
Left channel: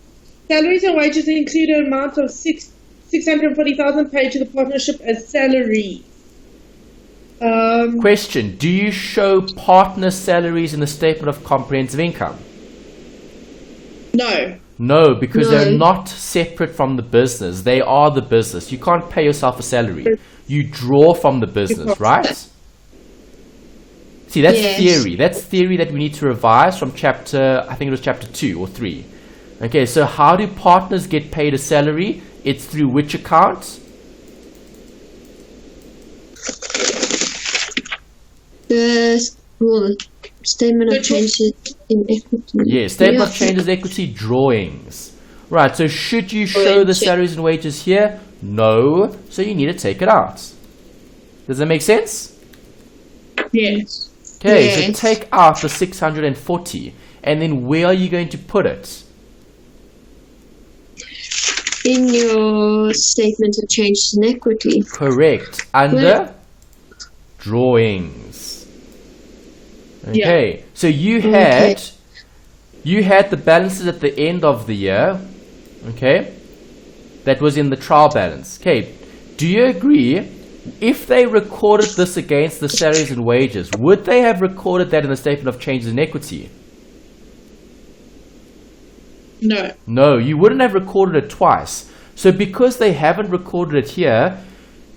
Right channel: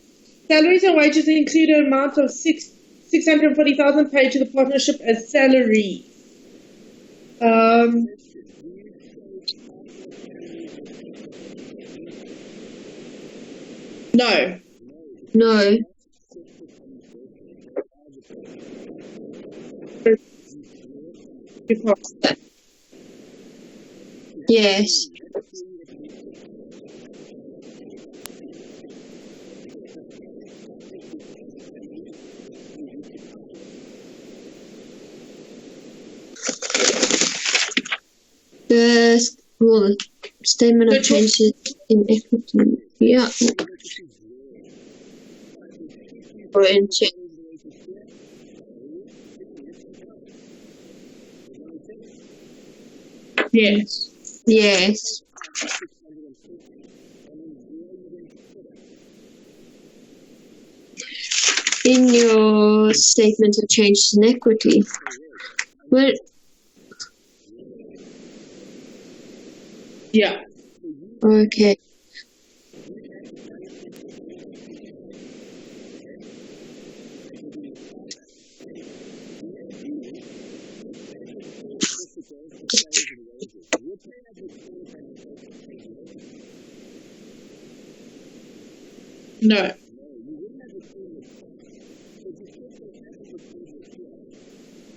Salaries and wages include an amount of 640,000 paid to the partnership as salaries. Question, do you show partner salaries in the statement of comprehensive income? No. No, because No. they're not separate from the business. They are the business. You can't pay yourself a salary. You draw from the business, right? See, that's Yes. theory. That's theory that we need to revise from chapter, I think it was chapter 2 or 3. Okay, so how do partners get paid a salary? It's through which account? The statement of changes in equity. Yes, statement Yeah. of changes equity drawings. Right, so should you show the salaries and wages here? No, so you need to take it out. Does that make sense? Yes. Okay, Yes. so take out the 640, and then where are you going to put it? In your statement of changes in equity. Correct, under drawings. Okay, so you had the balances at the end of the year, okay, that was in the trial balance. Okay, do you agree, if they recorded this against the salaries and wages, would they have recorded that in the statement of changes in equity? No. No, you wouldn't have recorded it twice. So because they haven't recorded it here,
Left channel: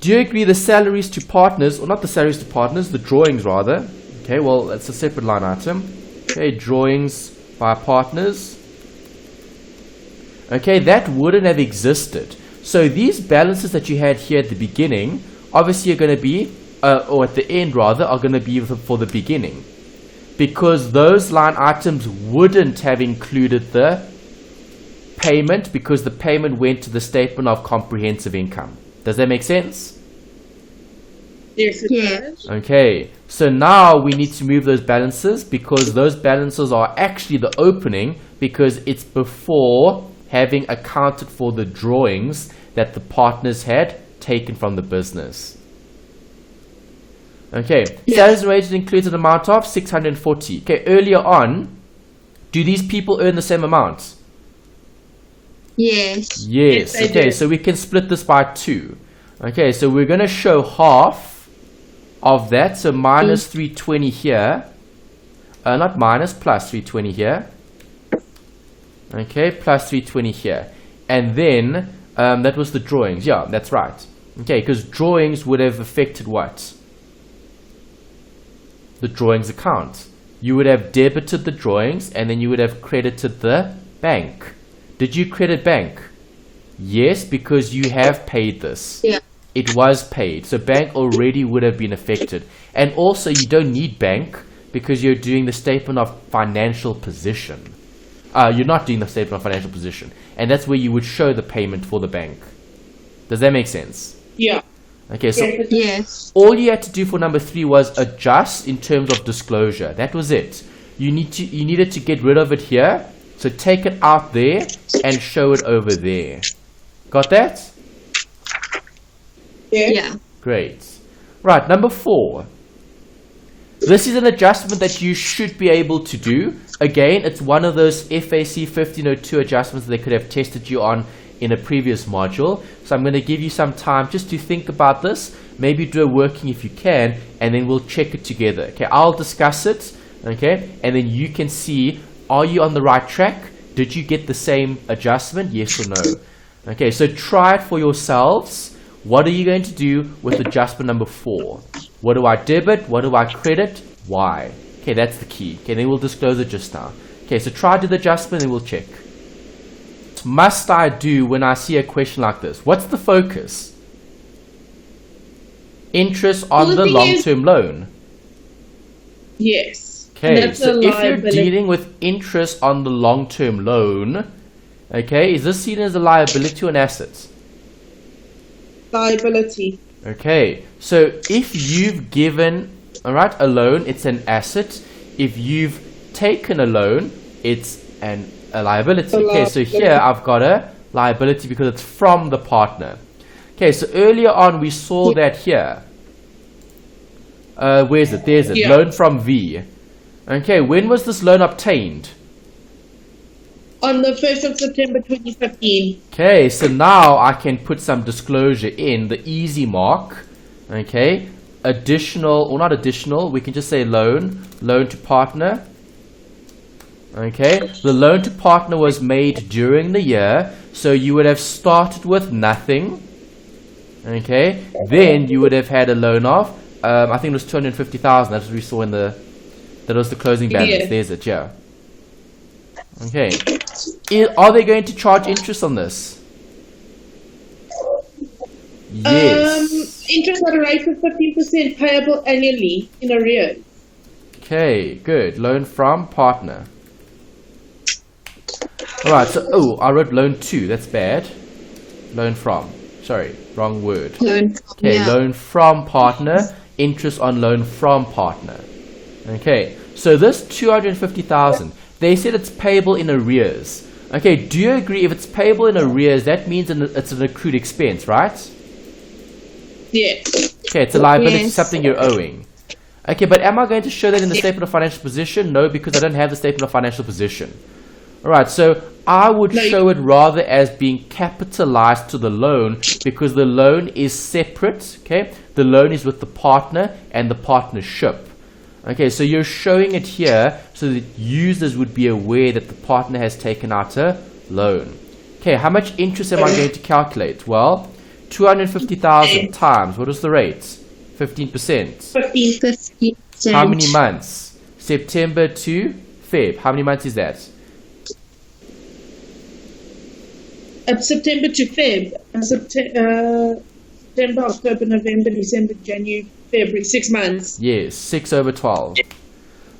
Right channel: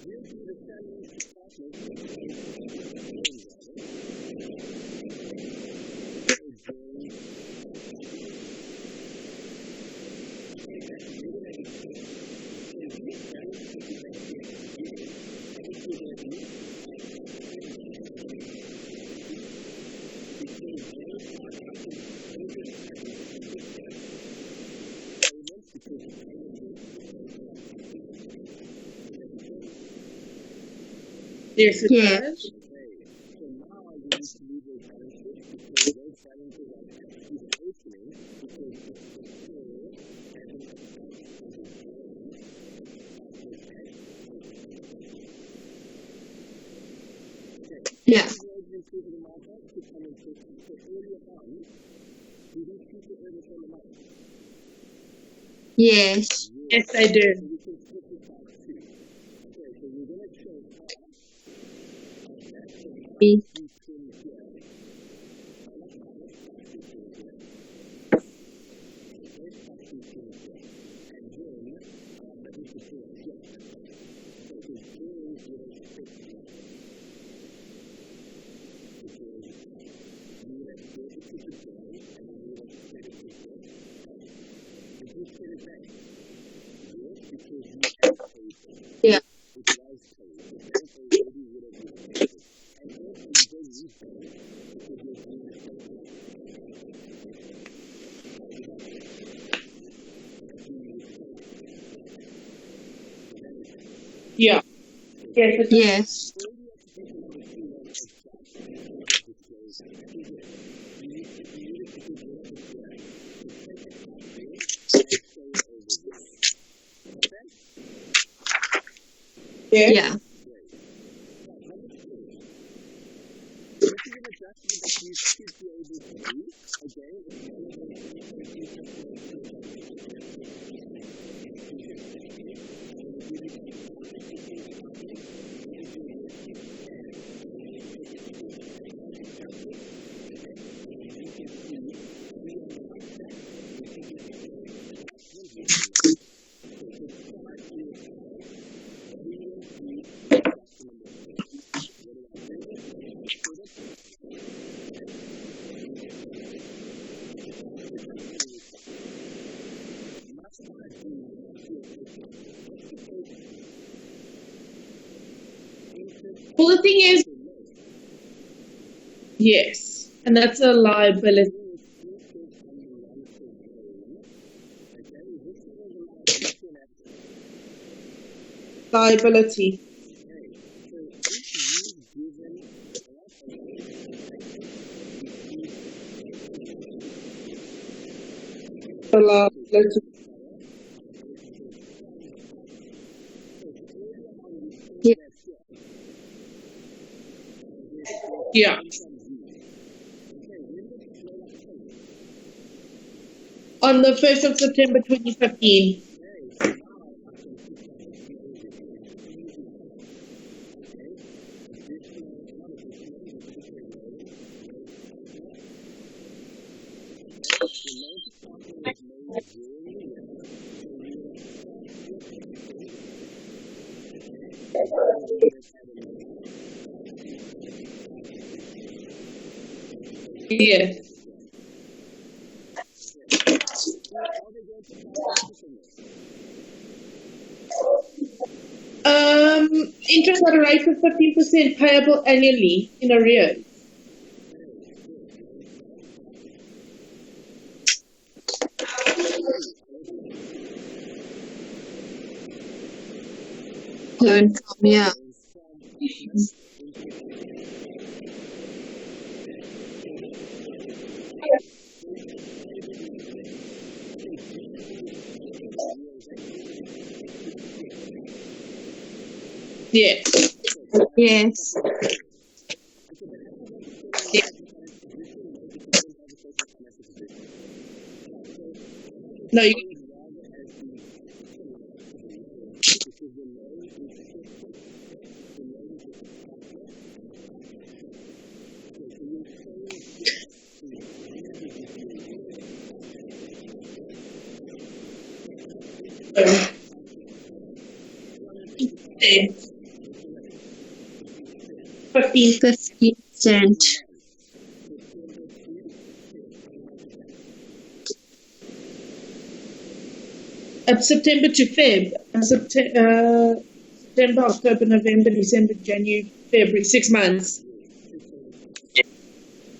Do you agree the salaries to partners, or not the salaries to partners, the drawings rather? Okay, well, it's a separate line item. Okay, drawings by partners. Okay, that wouldn't have existed. So these balances that you had here at the beginning, obviously are going to be, or at the end rather, are going to be for the beginning. Because those line items wouldn't have included the payment, because the payment went to the statement of comprehensive income. Does that make sense? Yes, it does. Okay, so now we need to move those balances, because those balances are actually the opening, because it's before having accounted for the drawings that the partners had taken from the business. Okay, salaries and wages includes an amount of 640. Okay, earlier on, do these people earn the same amount? Yes. Yes, they okay, do. so we can split this by 2. Okay, so we're going to show half of that, so minus 320 here. Not minus, plus 320 here. Okay, plus 320 here. And then, that was the drawings. Yeah, that's right. Okay, because drawings would have affected what? The drawings account. You would have debited the drawings, and then you would have credited the bank. Did you credit bank? Yes, because you have paid this. Yeah. It was paid. So bank already would have been affected. And also you don't need bank because you're doing the statement of financial position. You're not doing the statement of financial position. And that's where you would show the payment for the bank. Does that make sense? Yeah. Okay, so Yes. all you had to do for number 3 was adjust in terms of disclosure. That was it. You needed to get rid of it here. So take it out there and show it over there. Got that? Yeah. Great. Right, number 4. This is an adjustment that you should be able to do. Again, it's one of those FAC 1502 adjustments that they could have tested you on in a previous module. So I'm going to give you some time just to think about this. Maybe do a working if you can, and then we'll check it together. Okay, I'll discuss it. Okay, and then you can see, are you on the right track? Did you get the same adjustment? Yes or no? Okay, so try it for yourselves. What are you going to do with adjustment number 4? What do I debit? What do I credit? Why? Okay, that's the key. Okay, then we'll disclose it just now. Okay, so try to do the adjustment and we'll check. What must I do when I see a question like this? What's the focus? Interest on the long-term loan. Yes. Okay, And that's so a if liability. you're dealing with interest on the long-term loan, okay, is this seen as a liability or an asset? Liability. Okay, so if you've given, alright, a loan, it's an asset. If you've taken a loan, it's a liability. Okay, so here I've got a liability because it's from the partner. Okay, so earlier on we saw that here. Where is it? There's it. Yeah. Loan from V. Okay, when was this loan obtained? On the 1st of September 2015. Okay, so now I can put some disclosure in the easy mark. Okay, additional, or not additional, we can just say loan to partner. Okay, the loan to partner was made during the year, so you would have started with nothing. Okay, then you would have had a loan of, I think it was 250,000. That's what we saw in that was the closing balance. Yeah. There's it, yeah. Okay, are they going to charge interest on this? Yes. Interest at a rate of 15% payable annually in arrears. Okay, good. Loan from partner. Alright, so, I wrote loan to. That's bad. Loan from. Sorry, wrong word. Loan. Okay, Yeah. loan from partner. Interest on loan from partner. Okay, so this 250,000, they said it's payable in arrears. Okay, do you agree if it's payable in arrears, that means it's an accrued expense, right? Yes. Okay, it's a liability, Yes. something you're owing. Okay, but am I going to show that in the statement of financial position? No, because I don't have the statement of financial position. Alright, so I would show it rather as being capitalized to the loan because the loan is separate, okay? The loan is with the partner and the partnership. Okay, so you're showing it here so that users would be aware that the partner has taken out a loan. Okay, how much interest am I going to calculate? Well, 250,000 times, what is the rate? 15%. 50%. How many months? September to Feb. How many months is that? September to Feb. September, October, November, December, January, February. 6 months. Yes, 6 over 12.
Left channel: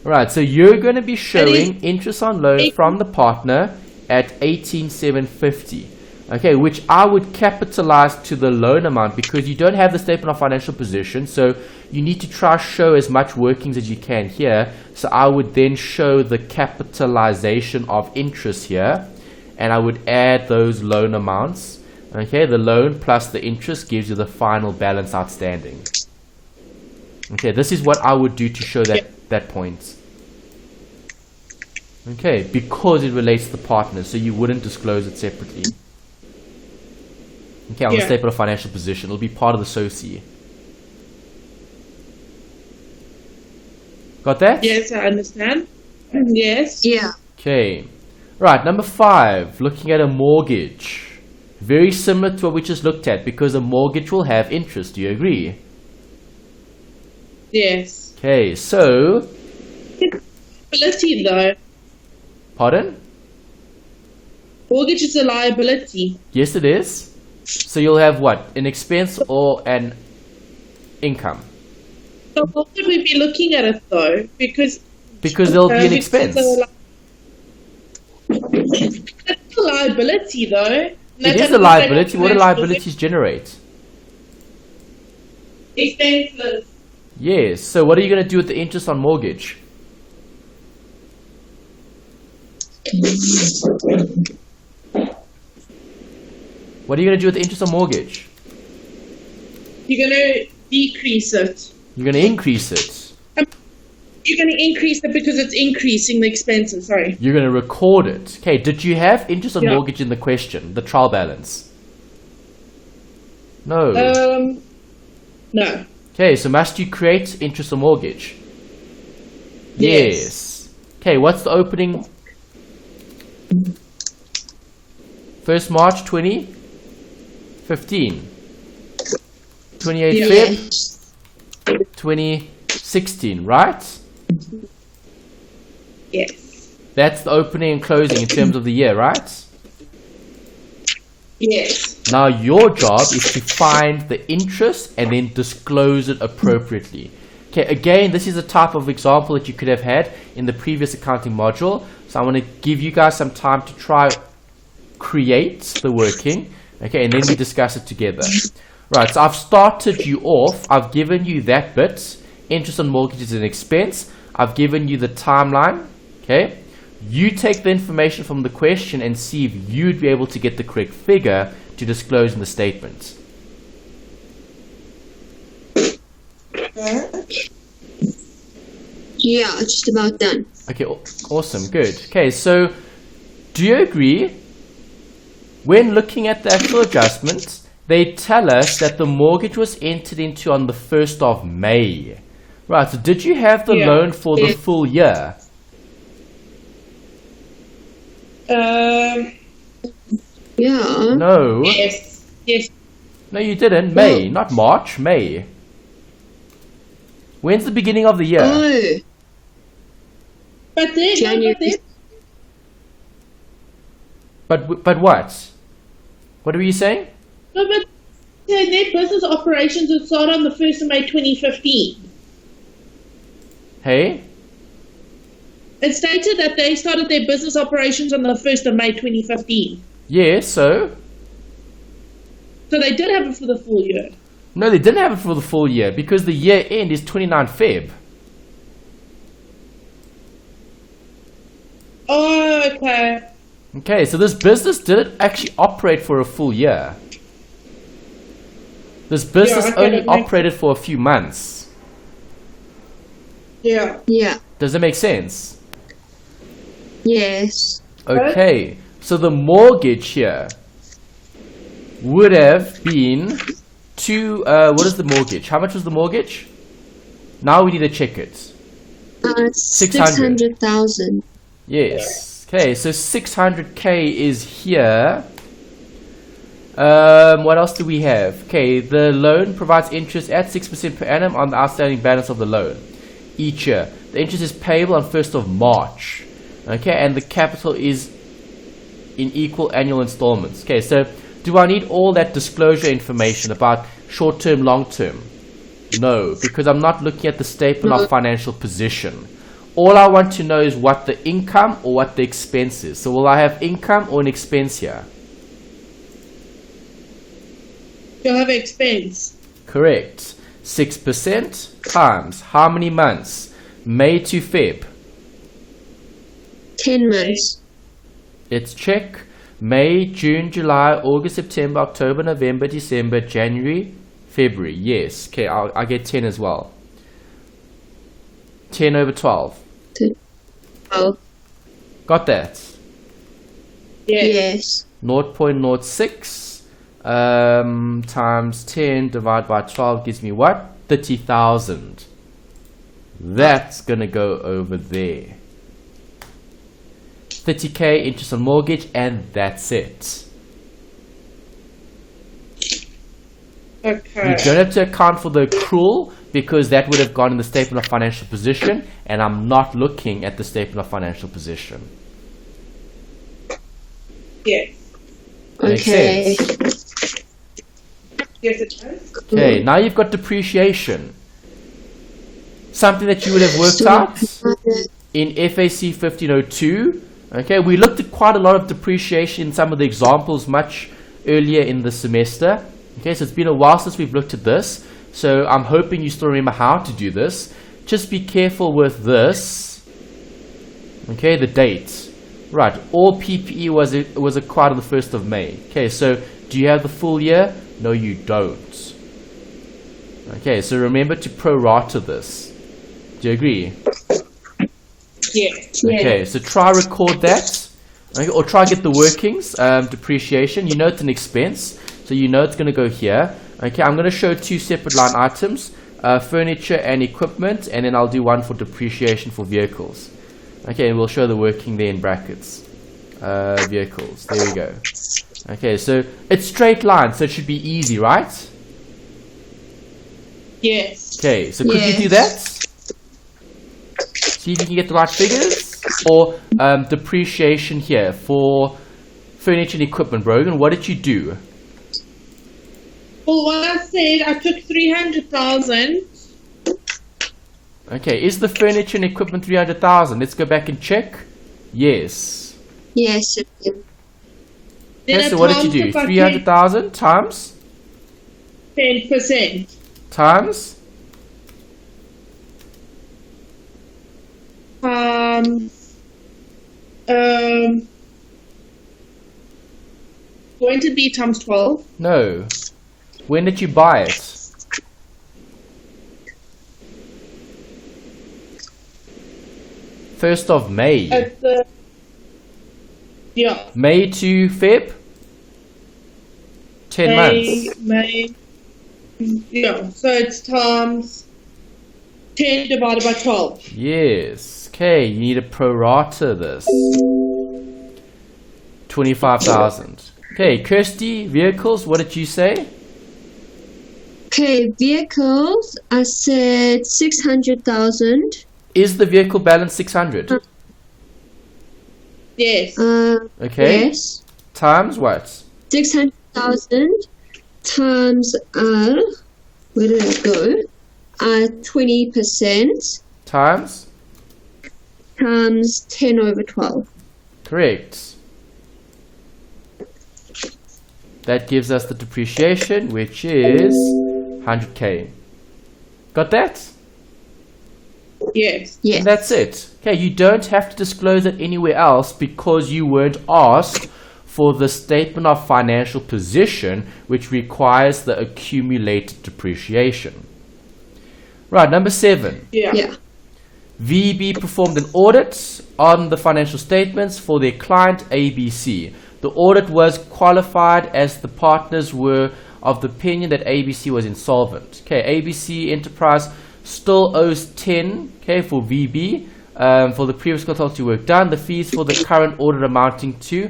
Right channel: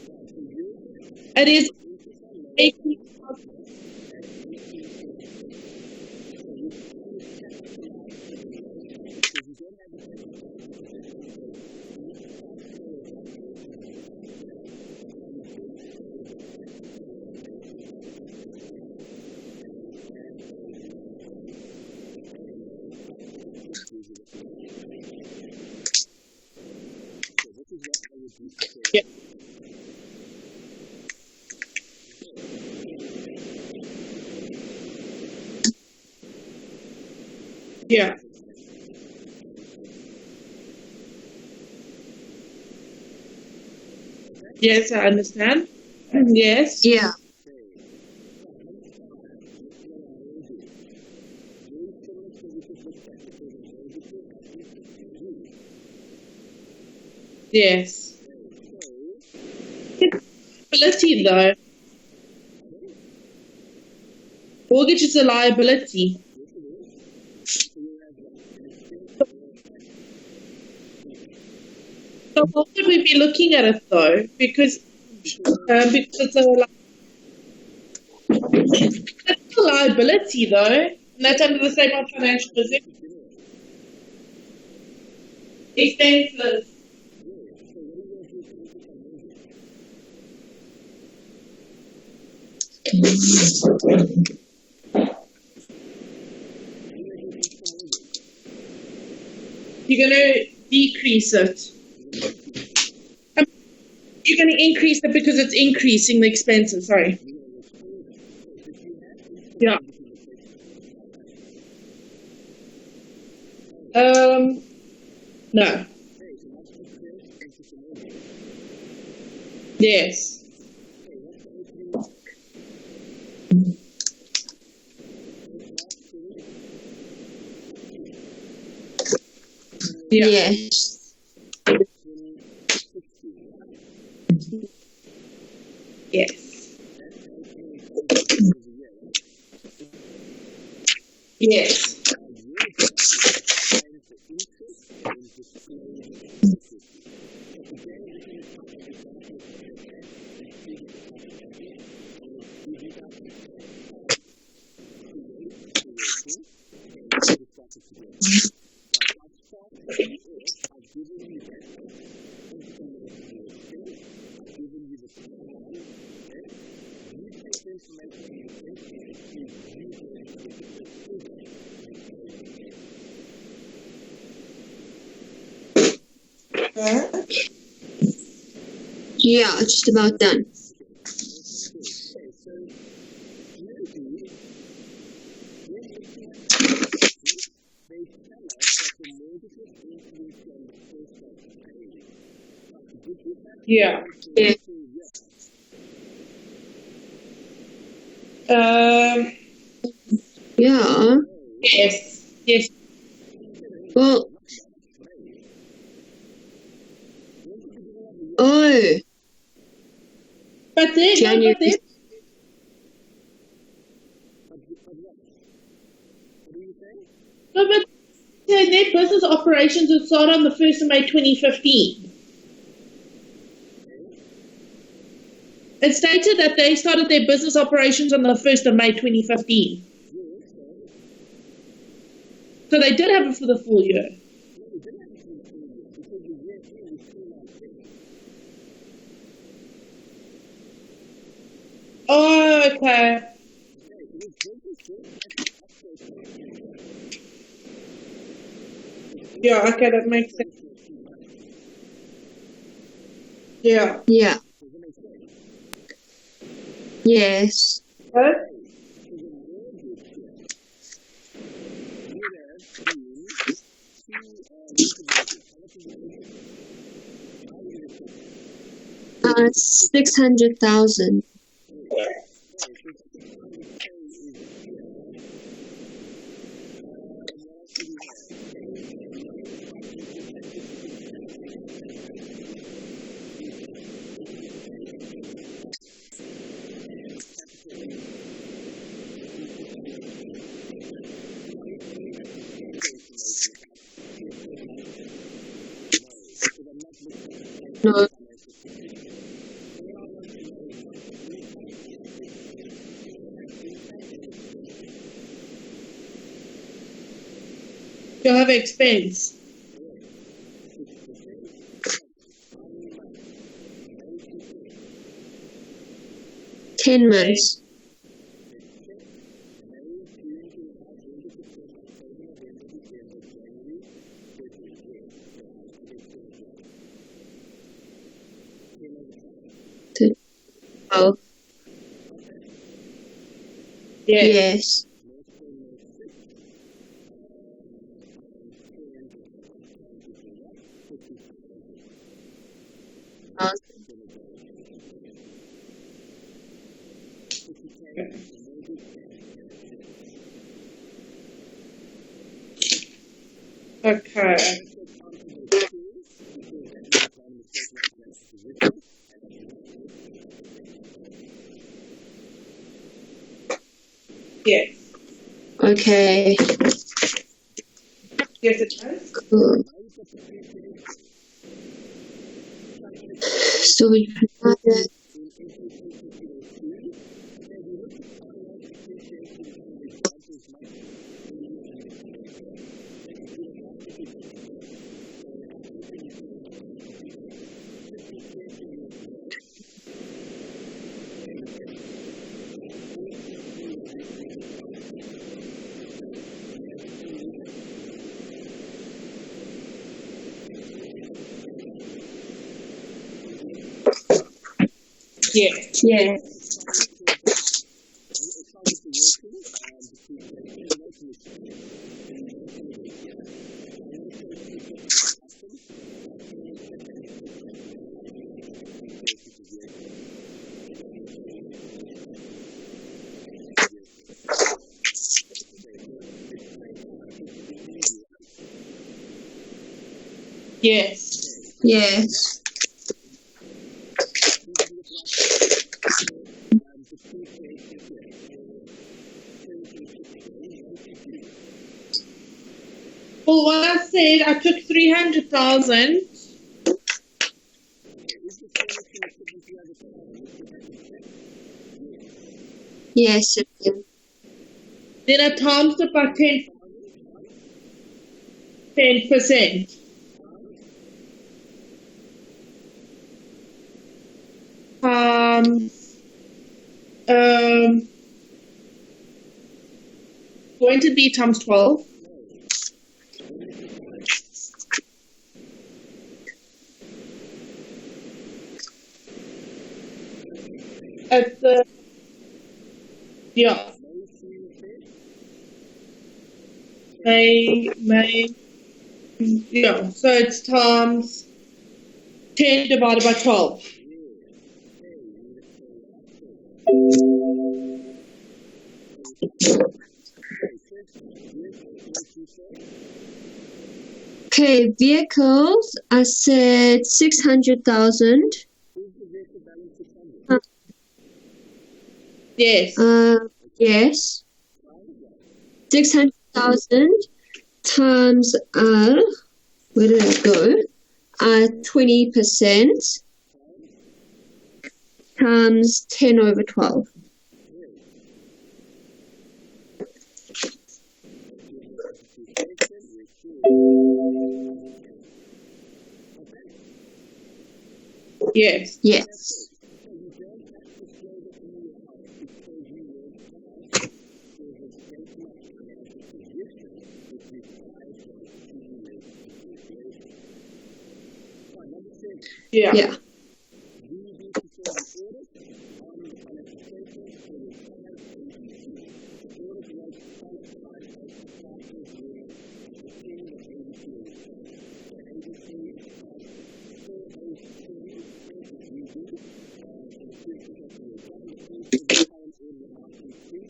Right, so you're going to be showing interest on loan from the partner at 18,750. Okay, which I would capitalize to the loan amount because you don't have the statement of financial position, so you need to try show as much workings as you can here. So I would then show the capitalization of interest here, and I would add those loan amounts. Okay, the loan plus the interest gives you the final balance outstanding. Okay, this is what I would do to show that point. Okay, because it relates to the partner, so you wouldn't disclose it separately. Okay, on the statement of financial position, it'll be part of the SOCI. Got that? Yes, I understand. Yes. Yeah. Okay. Right, number 5, looking at a mortgage. Very similar to what we just looked at because a mortgage will have interest. Do you agree? Yes. Okay, so... Liability, though. Pardon? Mortgage is a liability. Yes, it is. So you'll have what? An expense or an income? So how would we be looking at it, though? Because there'll be an expense. It's a liability, though. It is a liability. What do liabilities generate? Expenses. Yes. So what are you going to do with the interest on mortgage? What are you going to do with the interest on mortgage? You're going to decrease it. You're going to increase it. You're going to increase it because it's increasing the expenses, sorry. You're going to record it. Okay, did you have interest on mortgage in the question, the trial balance? No. No. Okay, so must you create interest on mortgage? Yes. Okay, what's the opening? 1st March 2015. 28th Yes. 2016, right? Yes. That's the opening and closing in terms of the year, right? Yes. Now your job is to find the interest and then disclose it appropriately. Okay, again, this is a type of example that you could have had in the previous accounting module. So I want to give you guys some time to try create the working, okay, and then we discuss it together. Right, so I've started you off. I've given you that bit. Interest on mortgage is an expense. I've given you the timeline, okay? You take the information from the question and see if you'd be able to get the correct figure to disclose in the statement. Yeah, just about done. Okay, awesome, good. Okay, so do you agree? When looking at the actual adjustments, they tell us that the mortgage was entered into on the 1st of May. Right, so did you have the loan for the full year? Yeah. No. Yes. Yes. No, you didn't. May, not March, May. When's the beginning of the year? Oh. But then, January. But what? What were you saying? No, but their business operations would start on the 1st of May 2015. Hey? It stated that they started their business operations on the 1st of May 2015. Yeah, so? So they did have it for the full year. No, they didn't have it for the full year because the year end is 29 Feb. Oh, okay. Okay, so this business didn't actually operate for a full year. This business only operated for a few months. Yeah. Yeah. Does that make sense? Yes. Okay, so the mortgage here would have been what is the mortgage? How much was the mortgage? Now we need to check it. 600,000. Yes. Okay, so 600k is here. What else do we have? Okay, the loan provides interest at 6% per annum on the outstanding balance of the loan each year. The interest is payable on 1st of March. Okay, and the capital is in equal annual installments. Okay, so do I need all that disclosure information about short-term, long-term? No, because I'm not looking at the statement of financial position. All I want to know is what the income or what the expense is. So will I have income or an expense here? You'll have expense. Correct. 6% times how many months? May to Feb. 10 months. Let's check. May, June, July, August, September, October, November, December, January, February. Yes. Okay, I get 10 as well. 10 over 12. 12. Got that? Yes. 0.06 times 10 divided by 12 gives me what? 30,000. That's going to go over there. 30k interest on mortgage, and that's it. Okay. You don't have to account for the accrual because that would have gone in the statement of financial position, and I'm not looking at the statement of financial position. Yes. Okay. Yes, it does. Okay, now you've got depreciation. Something that you would have worked out in FAC 1502. Okay, we looked at quite a lot of depreciation in some of the examples much earlier in the semester. Okay, so it's been a while since we've looked at this. So I'm hoping you still remember how to do this. Just be careful with this. Okay, the date. Right, all PPE was acquired on the 1st of May. Okay, so do you have the full year? No, you don't. Okay, so remember to prorata this. Do you agree? Yes. Okay, so try record that. Okay, or try get the workings, depreciation. You know it's an expense, so you know it's going to go here. Okay, I'm going to show two separate line items, furniture and equipment, and then I'll do one for depreciation for vehicles. Okay, and we'll show the working there in brackets. Vehicles, there we go. Okay, so it's straight line, so it should be easy, right? Yes. Okay, so could you do that? See if you can get the right figures. Or depreciation here for furniture and equipment. Brogan, what did you do? Well, what I said, I took 300,000. Okay, is the furniture and equipment 300,000? Let's go back and check. Yes. Yes. It is. Then Okay, I so what did times you it do? by 300,000 times? 10%. Times? Going to be times 12. No. When did you buy it? First of May. At the May to Feb? 10 months. May. Yeah, so it's times 10 divided by 12. Yes. Okay, you need to prorata this. 25,000. Okay, Kirsty, vehicles, what did you say? Okay, vehicles, I said 600,000. Is the vehicle balance 600? Yes. Okay. Yes. Times what? 600,000 times, where did it go? 20% Times? times 10 over 12. Correct. That gives us the depreciation, which is 100k. Got that? Yes. Yes. And that's it. Okay, you don't have to disclose it anywhere else because you weren't asked for the statement of financial position, which requires the accumulated depreciation. Right, number 7. Yeah. VB performed an audit on the financial statements for their client ABC. The audit was qualified as the partners were of the opinion that ABC was insolvent. Okay, ABC Enterprise still owes 10 for VB for the previous consultancy work done. The fees for the current audit amounting to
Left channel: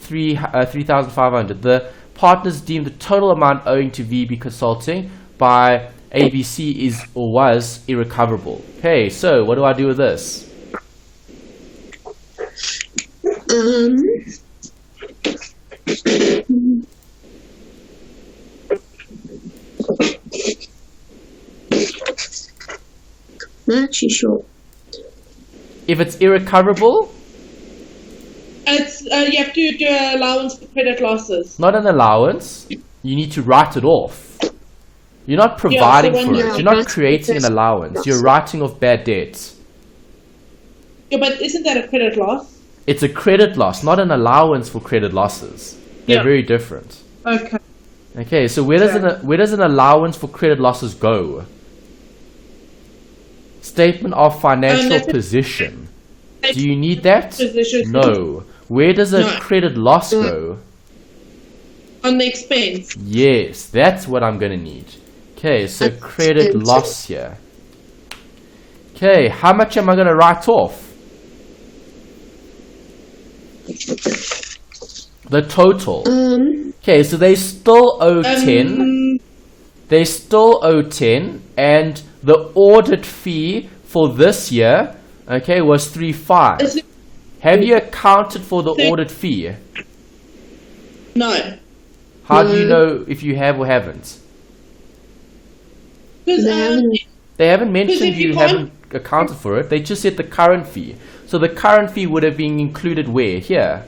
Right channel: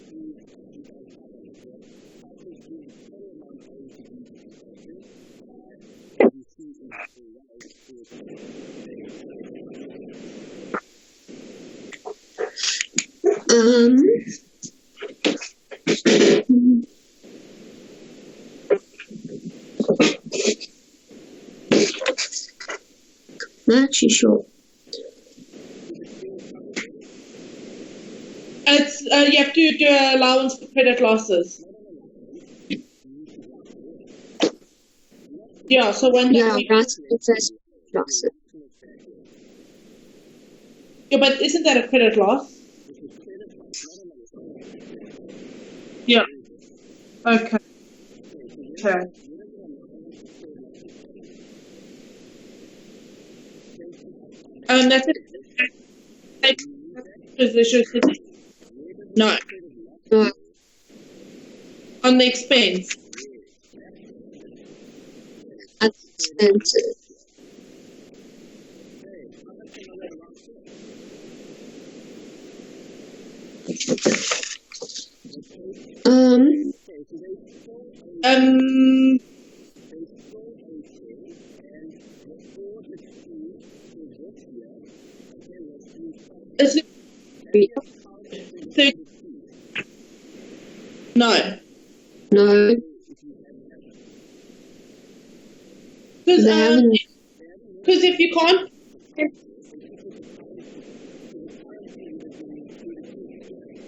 3,500. The partners deem the total amount owing to VB Consulting by ABC is or was irrecoverable. Okay, so what do I do with this? Not actually sure. If it's irrecoverable, It's you have to do an allowance for credit losses. not an allowance, you need to write it off. You're not so providing when for you- it. You're Yeah, not that's- creating an that's- allowance. You're writing off bad debts. Yeah, but isn't that a credit loss? It's a credit loss, not an allowance for credit losses. They're Yeah. very different. Okay. Okay, so where does an allowance for credit losses go? Statement of financial that's it. position. Do you need that? Position. No. Where does a No. credit loss No. go? On the expense. Yes, that's what I'm going to need. Okay, so That's credit expensive. loss here. Okay, how much am I going to write off? The total. Okay, so they still owe 10. They still owe 10, and the audit fee for this year, okay, was 3.5. Have you accounted for the audit fee? No. How do you No. know if you have or haven't? Because They haven't. They haven't mentioned if you you can't- haven't accounted for it. They just said the current fee. So the current fee would have been included where? Here.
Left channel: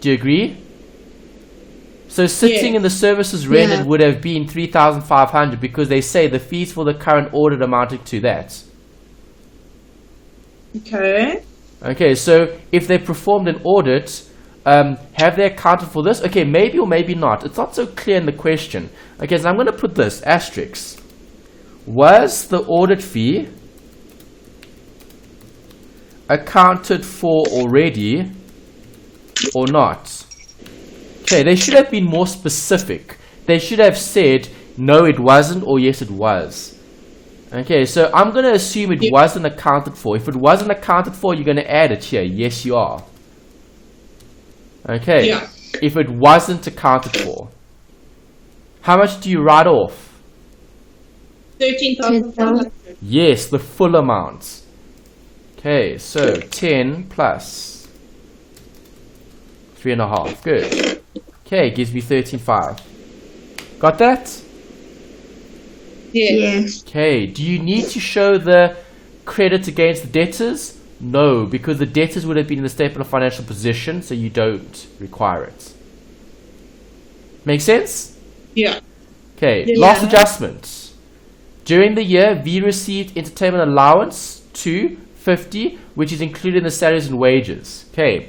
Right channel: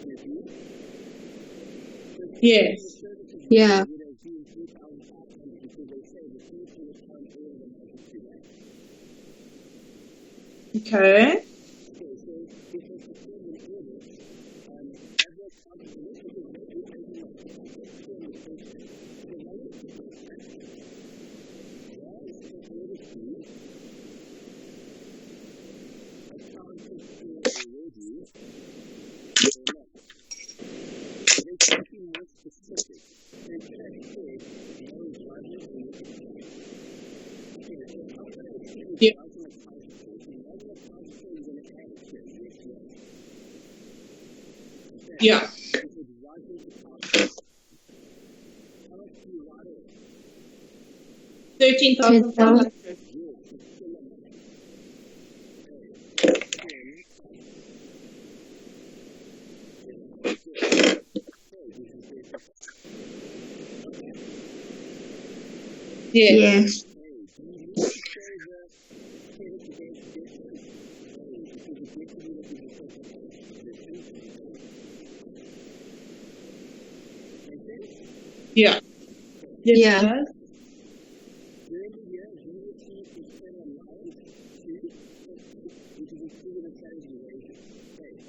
Do you agree? So sitting Yes. in the services rendered Yeah. would have been 3,500 because they say the fees for the current audit amounted to that. Okay. Okay, so if they performed an audit, have they accounted for this? Okay, maybe or maybe not. It's not so clear in the question. Okay, so I'm going to put this, asterisk. Was the audit fee accounted for already or not? Okay, they should have been more specific. They should have said, no, it wasn't, or yes, it was. Okay, so I'm going to assume it wasn't accounted for. If it wasn't accounted for, you're going to add it here. Yes, you are. Okay. Yeah. If it wasn't accounted for, how much do you write off? 13,500. Yes, the full amount. Okay, so 10 plus 3.5. Good. Okay, gives me 13.5. Got that? Yeah. Yes. Okay, do you need to show the credit against the debtors? No, because the debtors would have been in the statement of financial position, so you don't require it. Make sense? Yeah. Okay, Yeah. last adjustment. During the year, V received entertainment allowance to 50, which is included in the salaries and wages. Okay,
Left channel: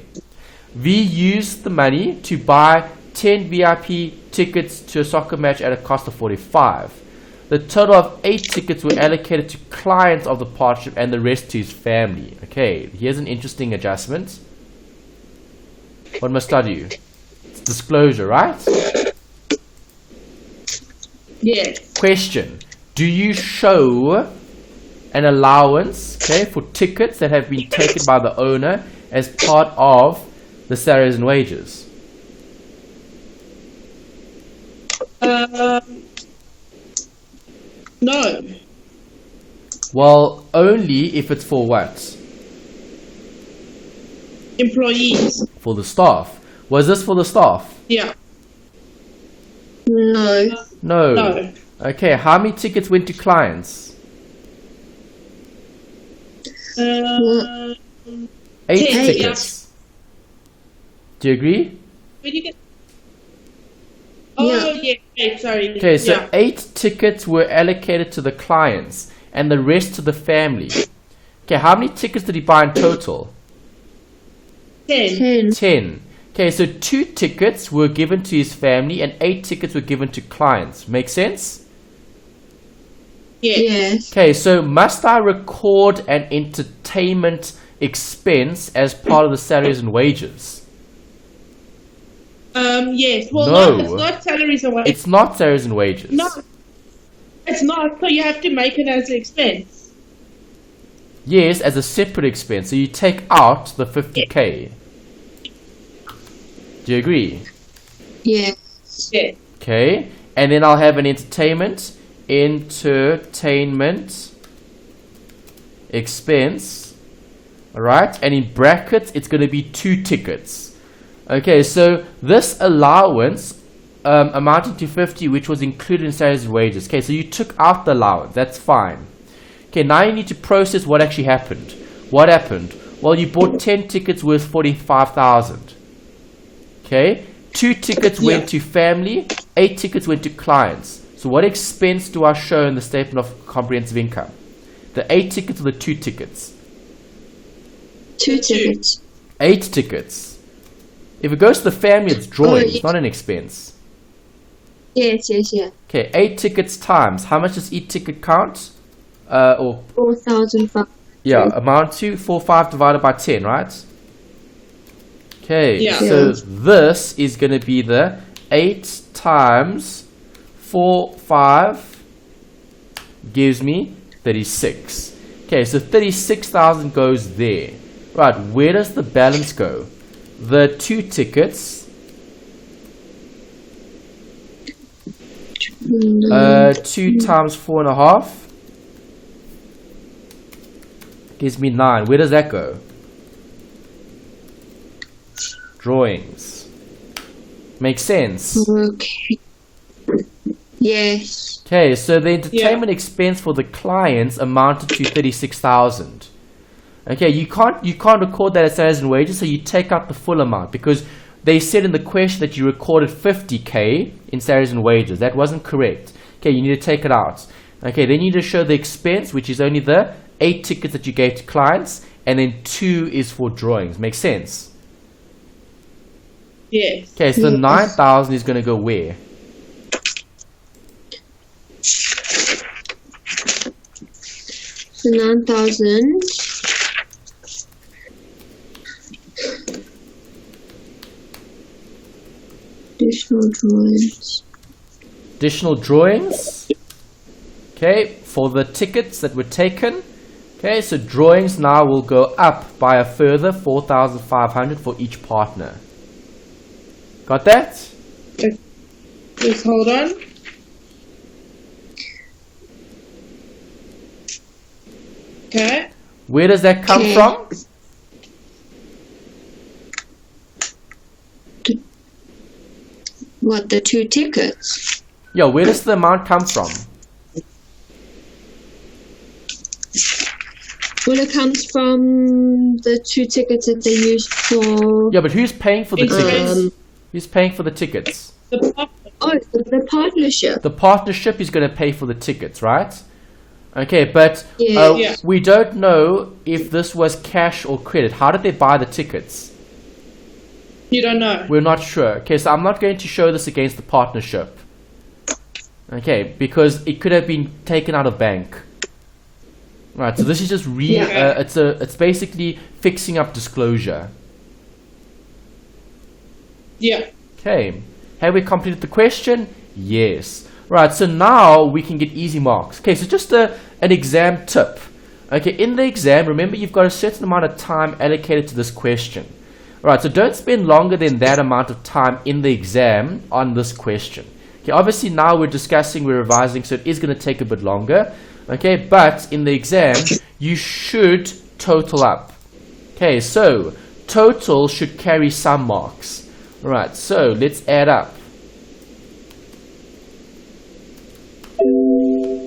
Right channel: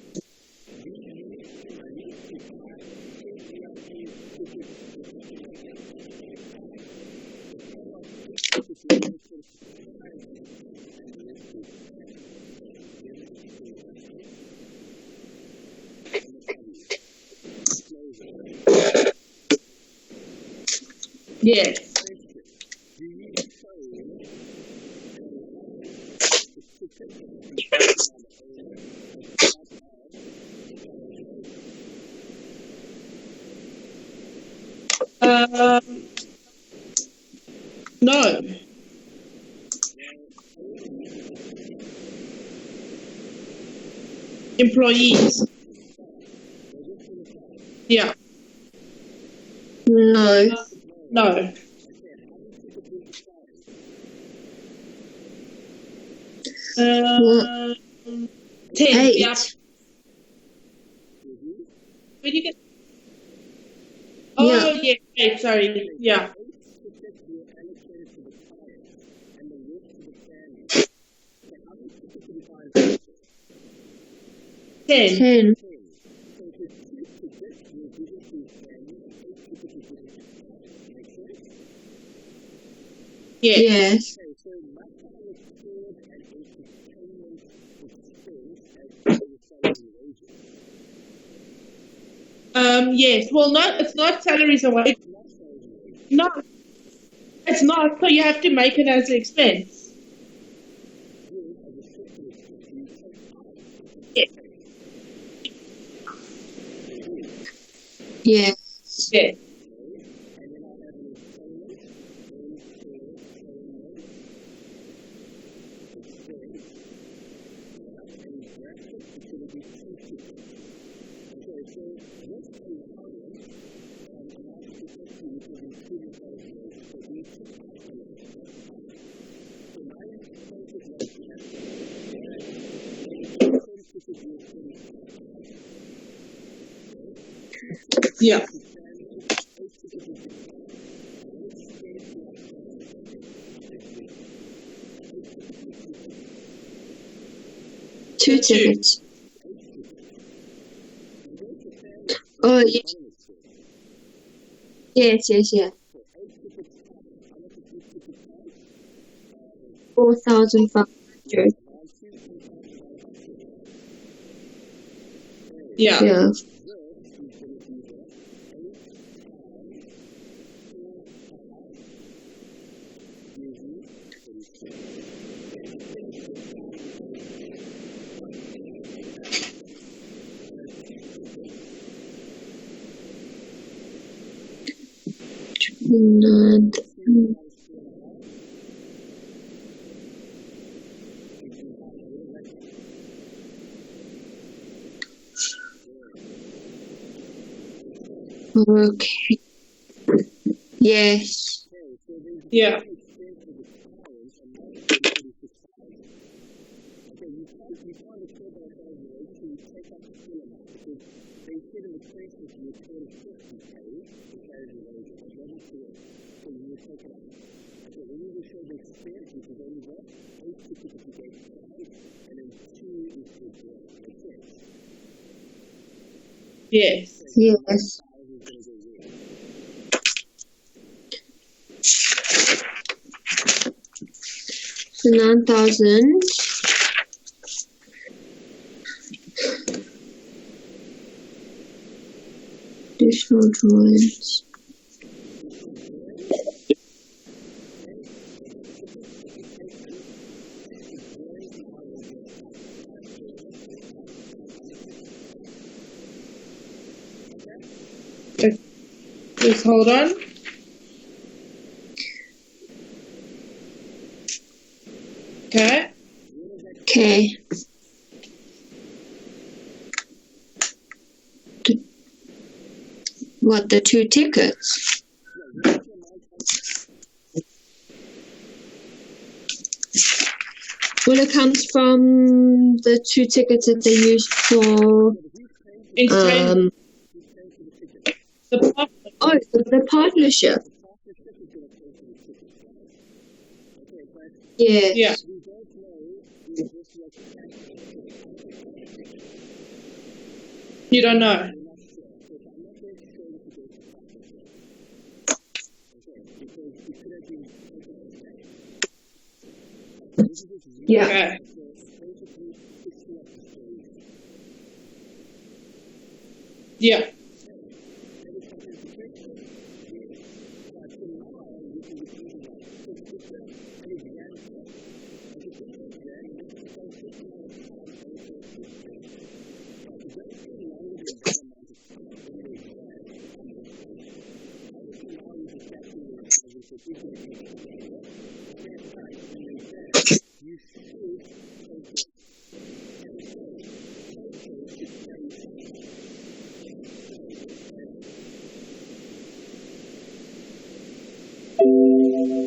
V used the money to buy 10 VIP tickets to a soccer match at a cost of 45. The total of 8 tickets were allocated to clients of the partnership and the rest to his family. Okay, here's an interesting adjustment. What must I do? It's disclosure, right? Yes. Question. Do you show an allowance, okay, for tickets that have been taken by the owner as part of the salaries and wages? No. Well, only if it's for what? Employees. For the staff. Was this for the staff? Yeah. No. No. No. Okay, how many tickets went to clients? 8 8 10, tickets. Do you agree? Where do you get? Oh, yeah. Sorry. Okay, so yeah. 8 tickets were allocated to the clients and the rest to the family. Okay, how many tickets did he buy in total? 10. 10. 10. Okay, so 2 tickets were given to his family and 8 tickets were given to clients. Make sense? Yeah. Yes. Okay, so must I record an entertainment expense as part of the salaries and wages? Yes. Well, No. it's not salaries and wages. It's not salaries and wages. No. It's not. So you have to make it as an expense. Yes, as a separate expense. So you take out the 50k. Do you agree? Yeah. Yeah. Okay, and then I'll have an entertainment expense. Alright, and in brackets it's going to be 2 tickets. Okay, so this allowance amounting to 50, which was included in salaries and wages. Okay, so you took out the allowance, that's fine. Okay, now you need to process what actually happened. What happened? Well, you bought 10 tickets worth 45,000. Okay, 2 tickets went to family, 8 tickets went to clients. So what expense do I show in the statement of comprehensive income? The 8 tickets or the 2 tickets? 2 tickets. 8 tickets. If it goes to the family, it's drawing, it's not an expense. Yes, yeah. Okay, 8 tickets times. How much does each ticket count? Or 4,500. yeah, amount to 4,500 divided by 10, right? Okay, Yeah. so this is going to be the 8 times 4,500 gives me 36. Okay, so 36,000 goes there. Right, where does the balance go? The 2 tickets. 2 times 4.5 gives me 9. Where does that go? Drawings. Makes sense. Okay. Yes. Okay, so the entertainment expense for the clients amounted to 36,000. Okay, you can't record that as salaries and wages, so you take out the full amount because they said in the question that you recorded 50k in salaries and wages. That wasn't correct. Okay, you need to take it out. Okay, then you need to show the expense, which is only the 8 tickets that you gave to clients, and then 2 is for drawings. Makes sense? Yes. Okay, so the 9,000 is going to go where? So 9,000. Additional drawings. Additional drawings. Okay, for the tickets that were taken. Okay, so drawings now will go up by a further 4,500 for each partner. Got that? Just hold on. Okay. Where does that come from? What, the 2 tickets? Yeah, where does the amount come from? Well, it comes from the 2 tickets that they used for... Yeah, but who's paying for the tickets? Who's paying for the tickets? The partnership. The partnership is going to pay for the tickets, right? Okay, but we don't know if this was cash or credit. How did they buy the tickets? You don't know. We're not sure. Okay, so I'm not going to show this against the partnership. Okay, because it could have been taken out of bank. Right, so this is just it's basically fixing up disclosure. Yeah. Okay, have we completed the question? Yes. Right, so now we can get easy marks. Okay, so just an exam tip. Okay, in the exam, remember you've got a certain amount of time allocated to this question. Right, so don't spend longer than that amount of time in the exam on this question. Okay, obviously now we're revising, so it is going to take a bit longer. Okay, but in the exam, you should total up. Okay, so total should carry some marks. Right, so let's add up.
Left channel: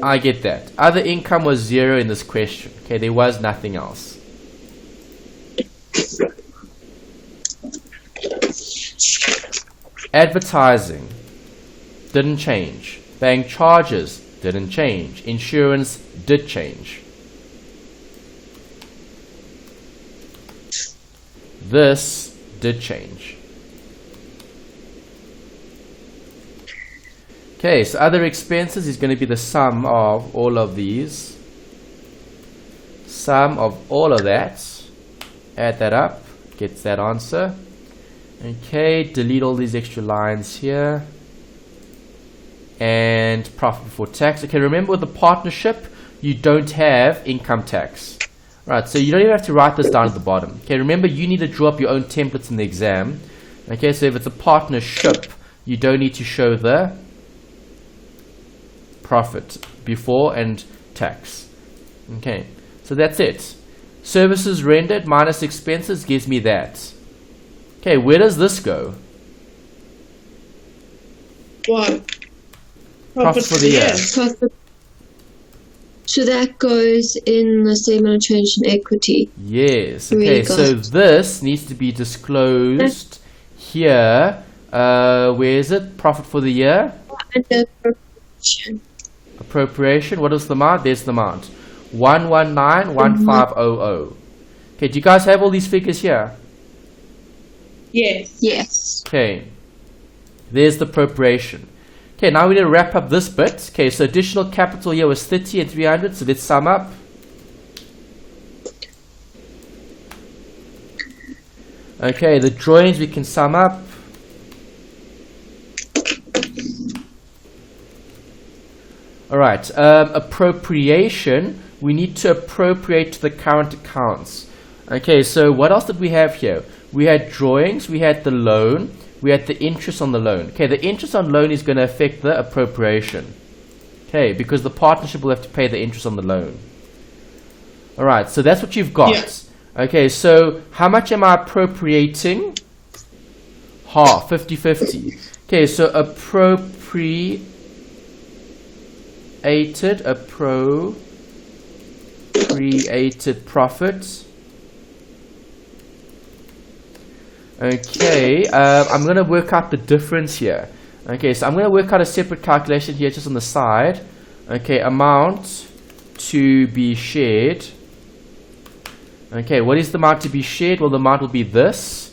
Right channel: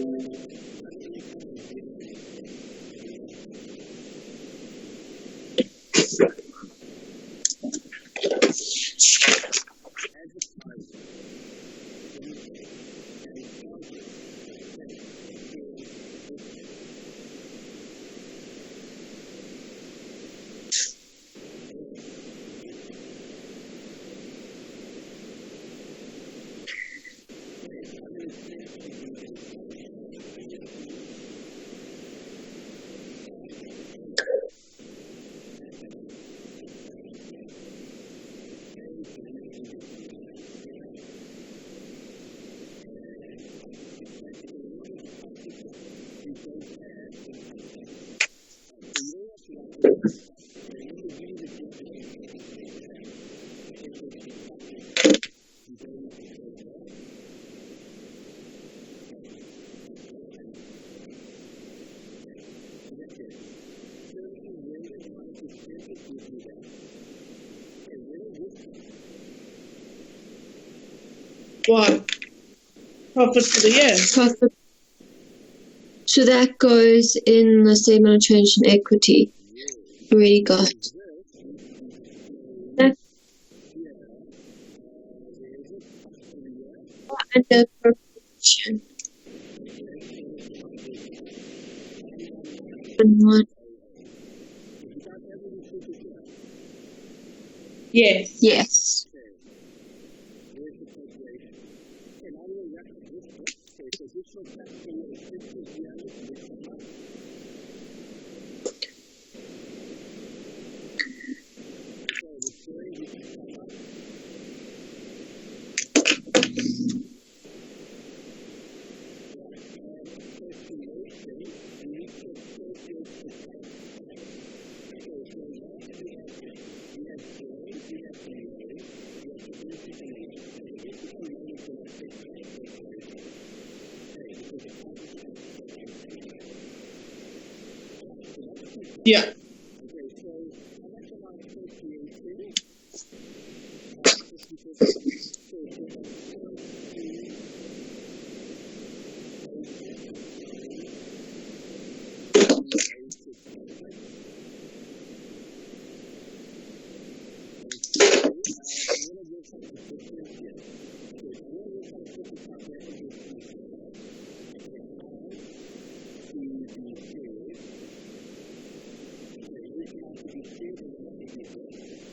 I get that. Other income was 0 in this question. Okay, there was nothing else. Advertising didn't change. Bank charges didn't change. Insurance did change. This did change. Okay, so other expenses is going to be the sum of all of these. Sum of all of that. Add that up. Gets that answer. Okay, delete all these extra lines here. And profit before tax. Okay, remember with the partnership, you don't have income tax. Right, so you don't even have to write this down at the bottom. Okay, remember you need to draw up your own templates in the exam. Okay, so if it's a partnership, you don't need to show the profit before and tax. Okay, so that's it. Services rendered minus expenses gives me that. Okay, where does this go? What? Profit for the year. Profit. So that goes in the statement of change in equity. Yes. Okay, so this needs to be disclosed here. Where is it? Profit for the year? Under appropriation. Appropriation. What is the amount? There's the amount. 1191500. Okay, do you guys have all these figures here? Yes. Yes. Okay. There's the appropriation. Okay, now we need to wrap up this bit. Okay, so additional capital here was 30 and 300. So let's sum up. Okay, the drawings we can sum up. Alright, appropriation. We need to appropriate to the current accounts. Okay, so what else did we have here? We had drawings, we had the loan, we had the interest on the loan. Okay, the interest on loan is going to affect the appropriation. Okay, because the partnership will have to pay the interest on the loan. Alright, so that's what you've got. Yeah. Okay, so how much am I appropriating? Half, 50-50. Okay, so appropriated profit. Okay, I'm going to work out the difference here. Okay, so I'm going to work out a separate calculation here just on the side. Okay, amount to be shared. Okay, what is the amount to be shared? Well, the amount will be this.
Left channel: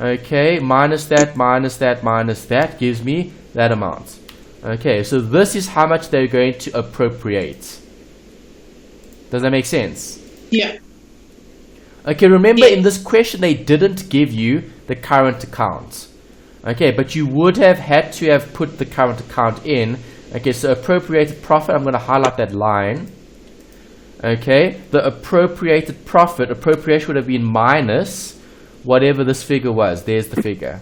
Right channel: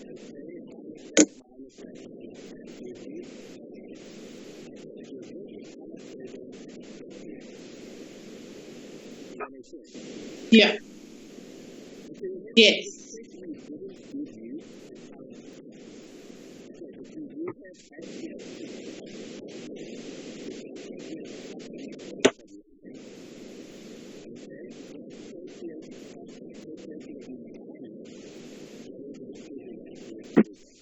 Okay, minus that, minus that, minus that gives me that amount. Okay, so this is how much they're going to appropriate. Does that make sense? Yeah. Okay, remember Yes. in this question they didn't give you the current account. Okay, but you would have had to have put the current account in. Okay, so appropriated profit, I'm going to highlight that line. Okay, the appropriated profit, appropriation would have been minus whatever this figure was. There's the figure.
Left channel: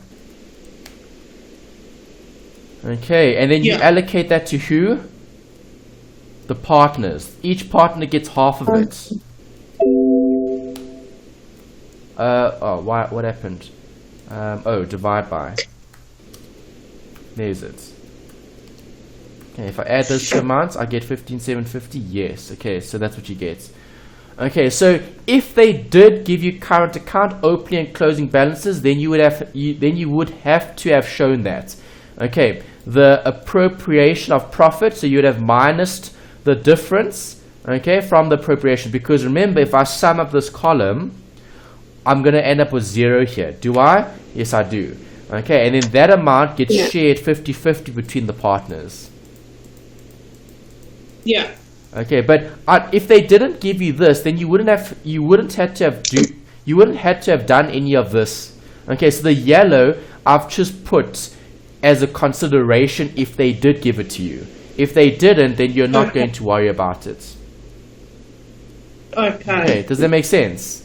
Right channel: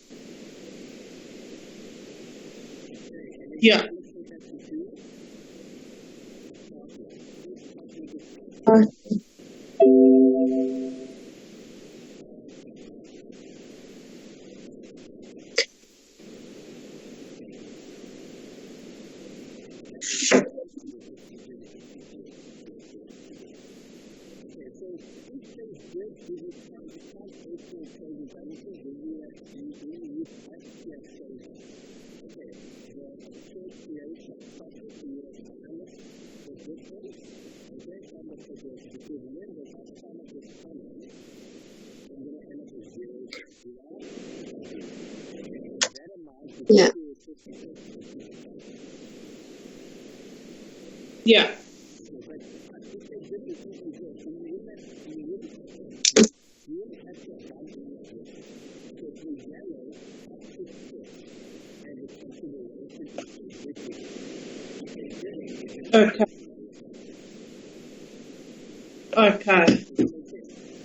Okay, and then you allocate that to who? The partners. Each partner gets half of it. What happened? Divide by. There's it. Okay, if I add those two amounts, I get 15,750. Yes. Okay, so that's what you get. Okay, so if they did give you current account opening and closing balances, then you would have to have shown that. Okay, the appropriation of profit, so you would have minused the difference, okay, from the appropriation, because remember, if I sum up this column, I'm going to end up with 0 here. Do I? Yes, I do. Okay, and then that amount gets shared 50-50 between the partners. Yeah. Okay, but if they didn't give you this, then you wouldn't have to have done any of this. Okay, so the yellow I've just put as a consideration if they did give it to you. If they didn't, then you're not going to worry about it. Okay, does that make sense?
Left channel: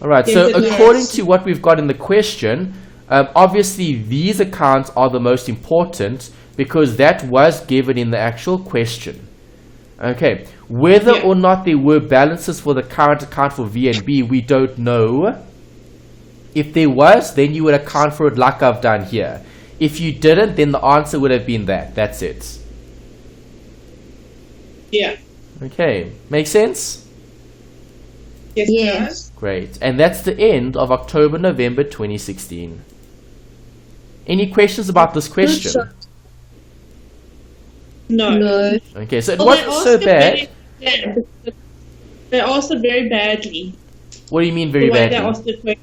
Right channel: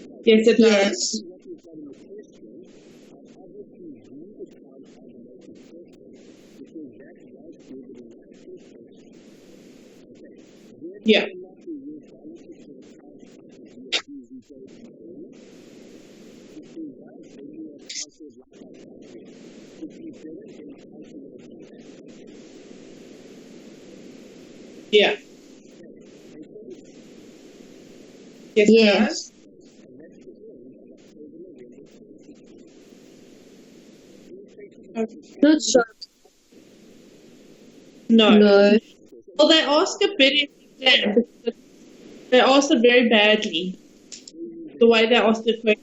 Alright, Yes, so it does. according to what we've got in the question, obviously these accounts are the most important because that was given in the actual question. Okay, whether or not there were balances for the current account for V and B, we don't know. If there was, then you would account for it like I've done here. If you didn't, then the answer would have been that. That's it. Yeah. Okay, make sense? Yes. Yes. Great. And that's the end of October-November 2016. Any questions about this question? No. No. Okay, so it Well, they wasn't asked so it bad. very They asked it very badly. What do you mean very The way they badly? asked the question.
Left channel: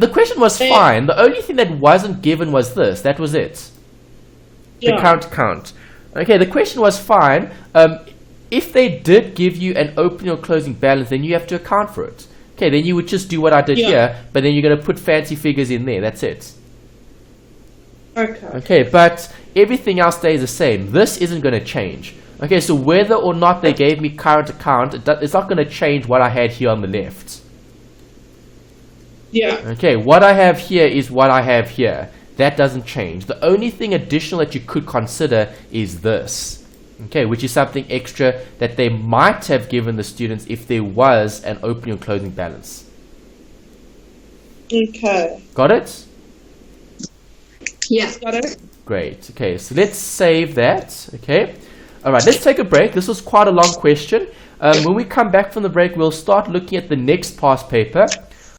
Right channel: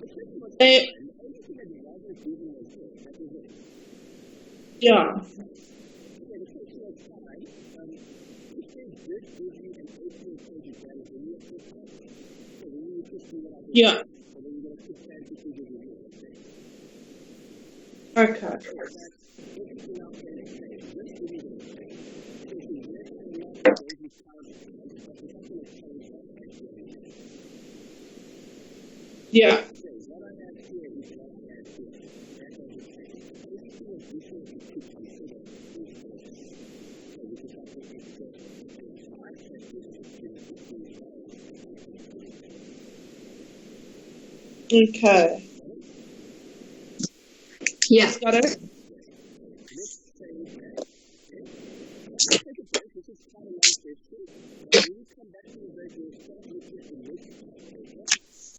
The question was fine. The only thing that wasn't given was this. That was it. The current account. Okay, the question was fine. If they did give you an opening or closing balance, then you have to account for it. Okay, then you would just do what I did here, but then you're going to put fancy figures in there. That's it. Okay. Okay, but everything else stays the same. This isn't going to change. Okay, so whether or not they gave me current account, it's not going to change what I had here on the left. Yeah. Okay, what I have here is what I have here. That doesn't change. The only thing additional that you could consider is this, okay, which is something extra that they might have given the students if there was an opening or closing balance. Okay. Got it? Yeah. Got it? Great. Okay, so let's save that. Okay. All right, let's take a break. This was quite a long question. When we come back from the break, we'll start looking at the next past paper.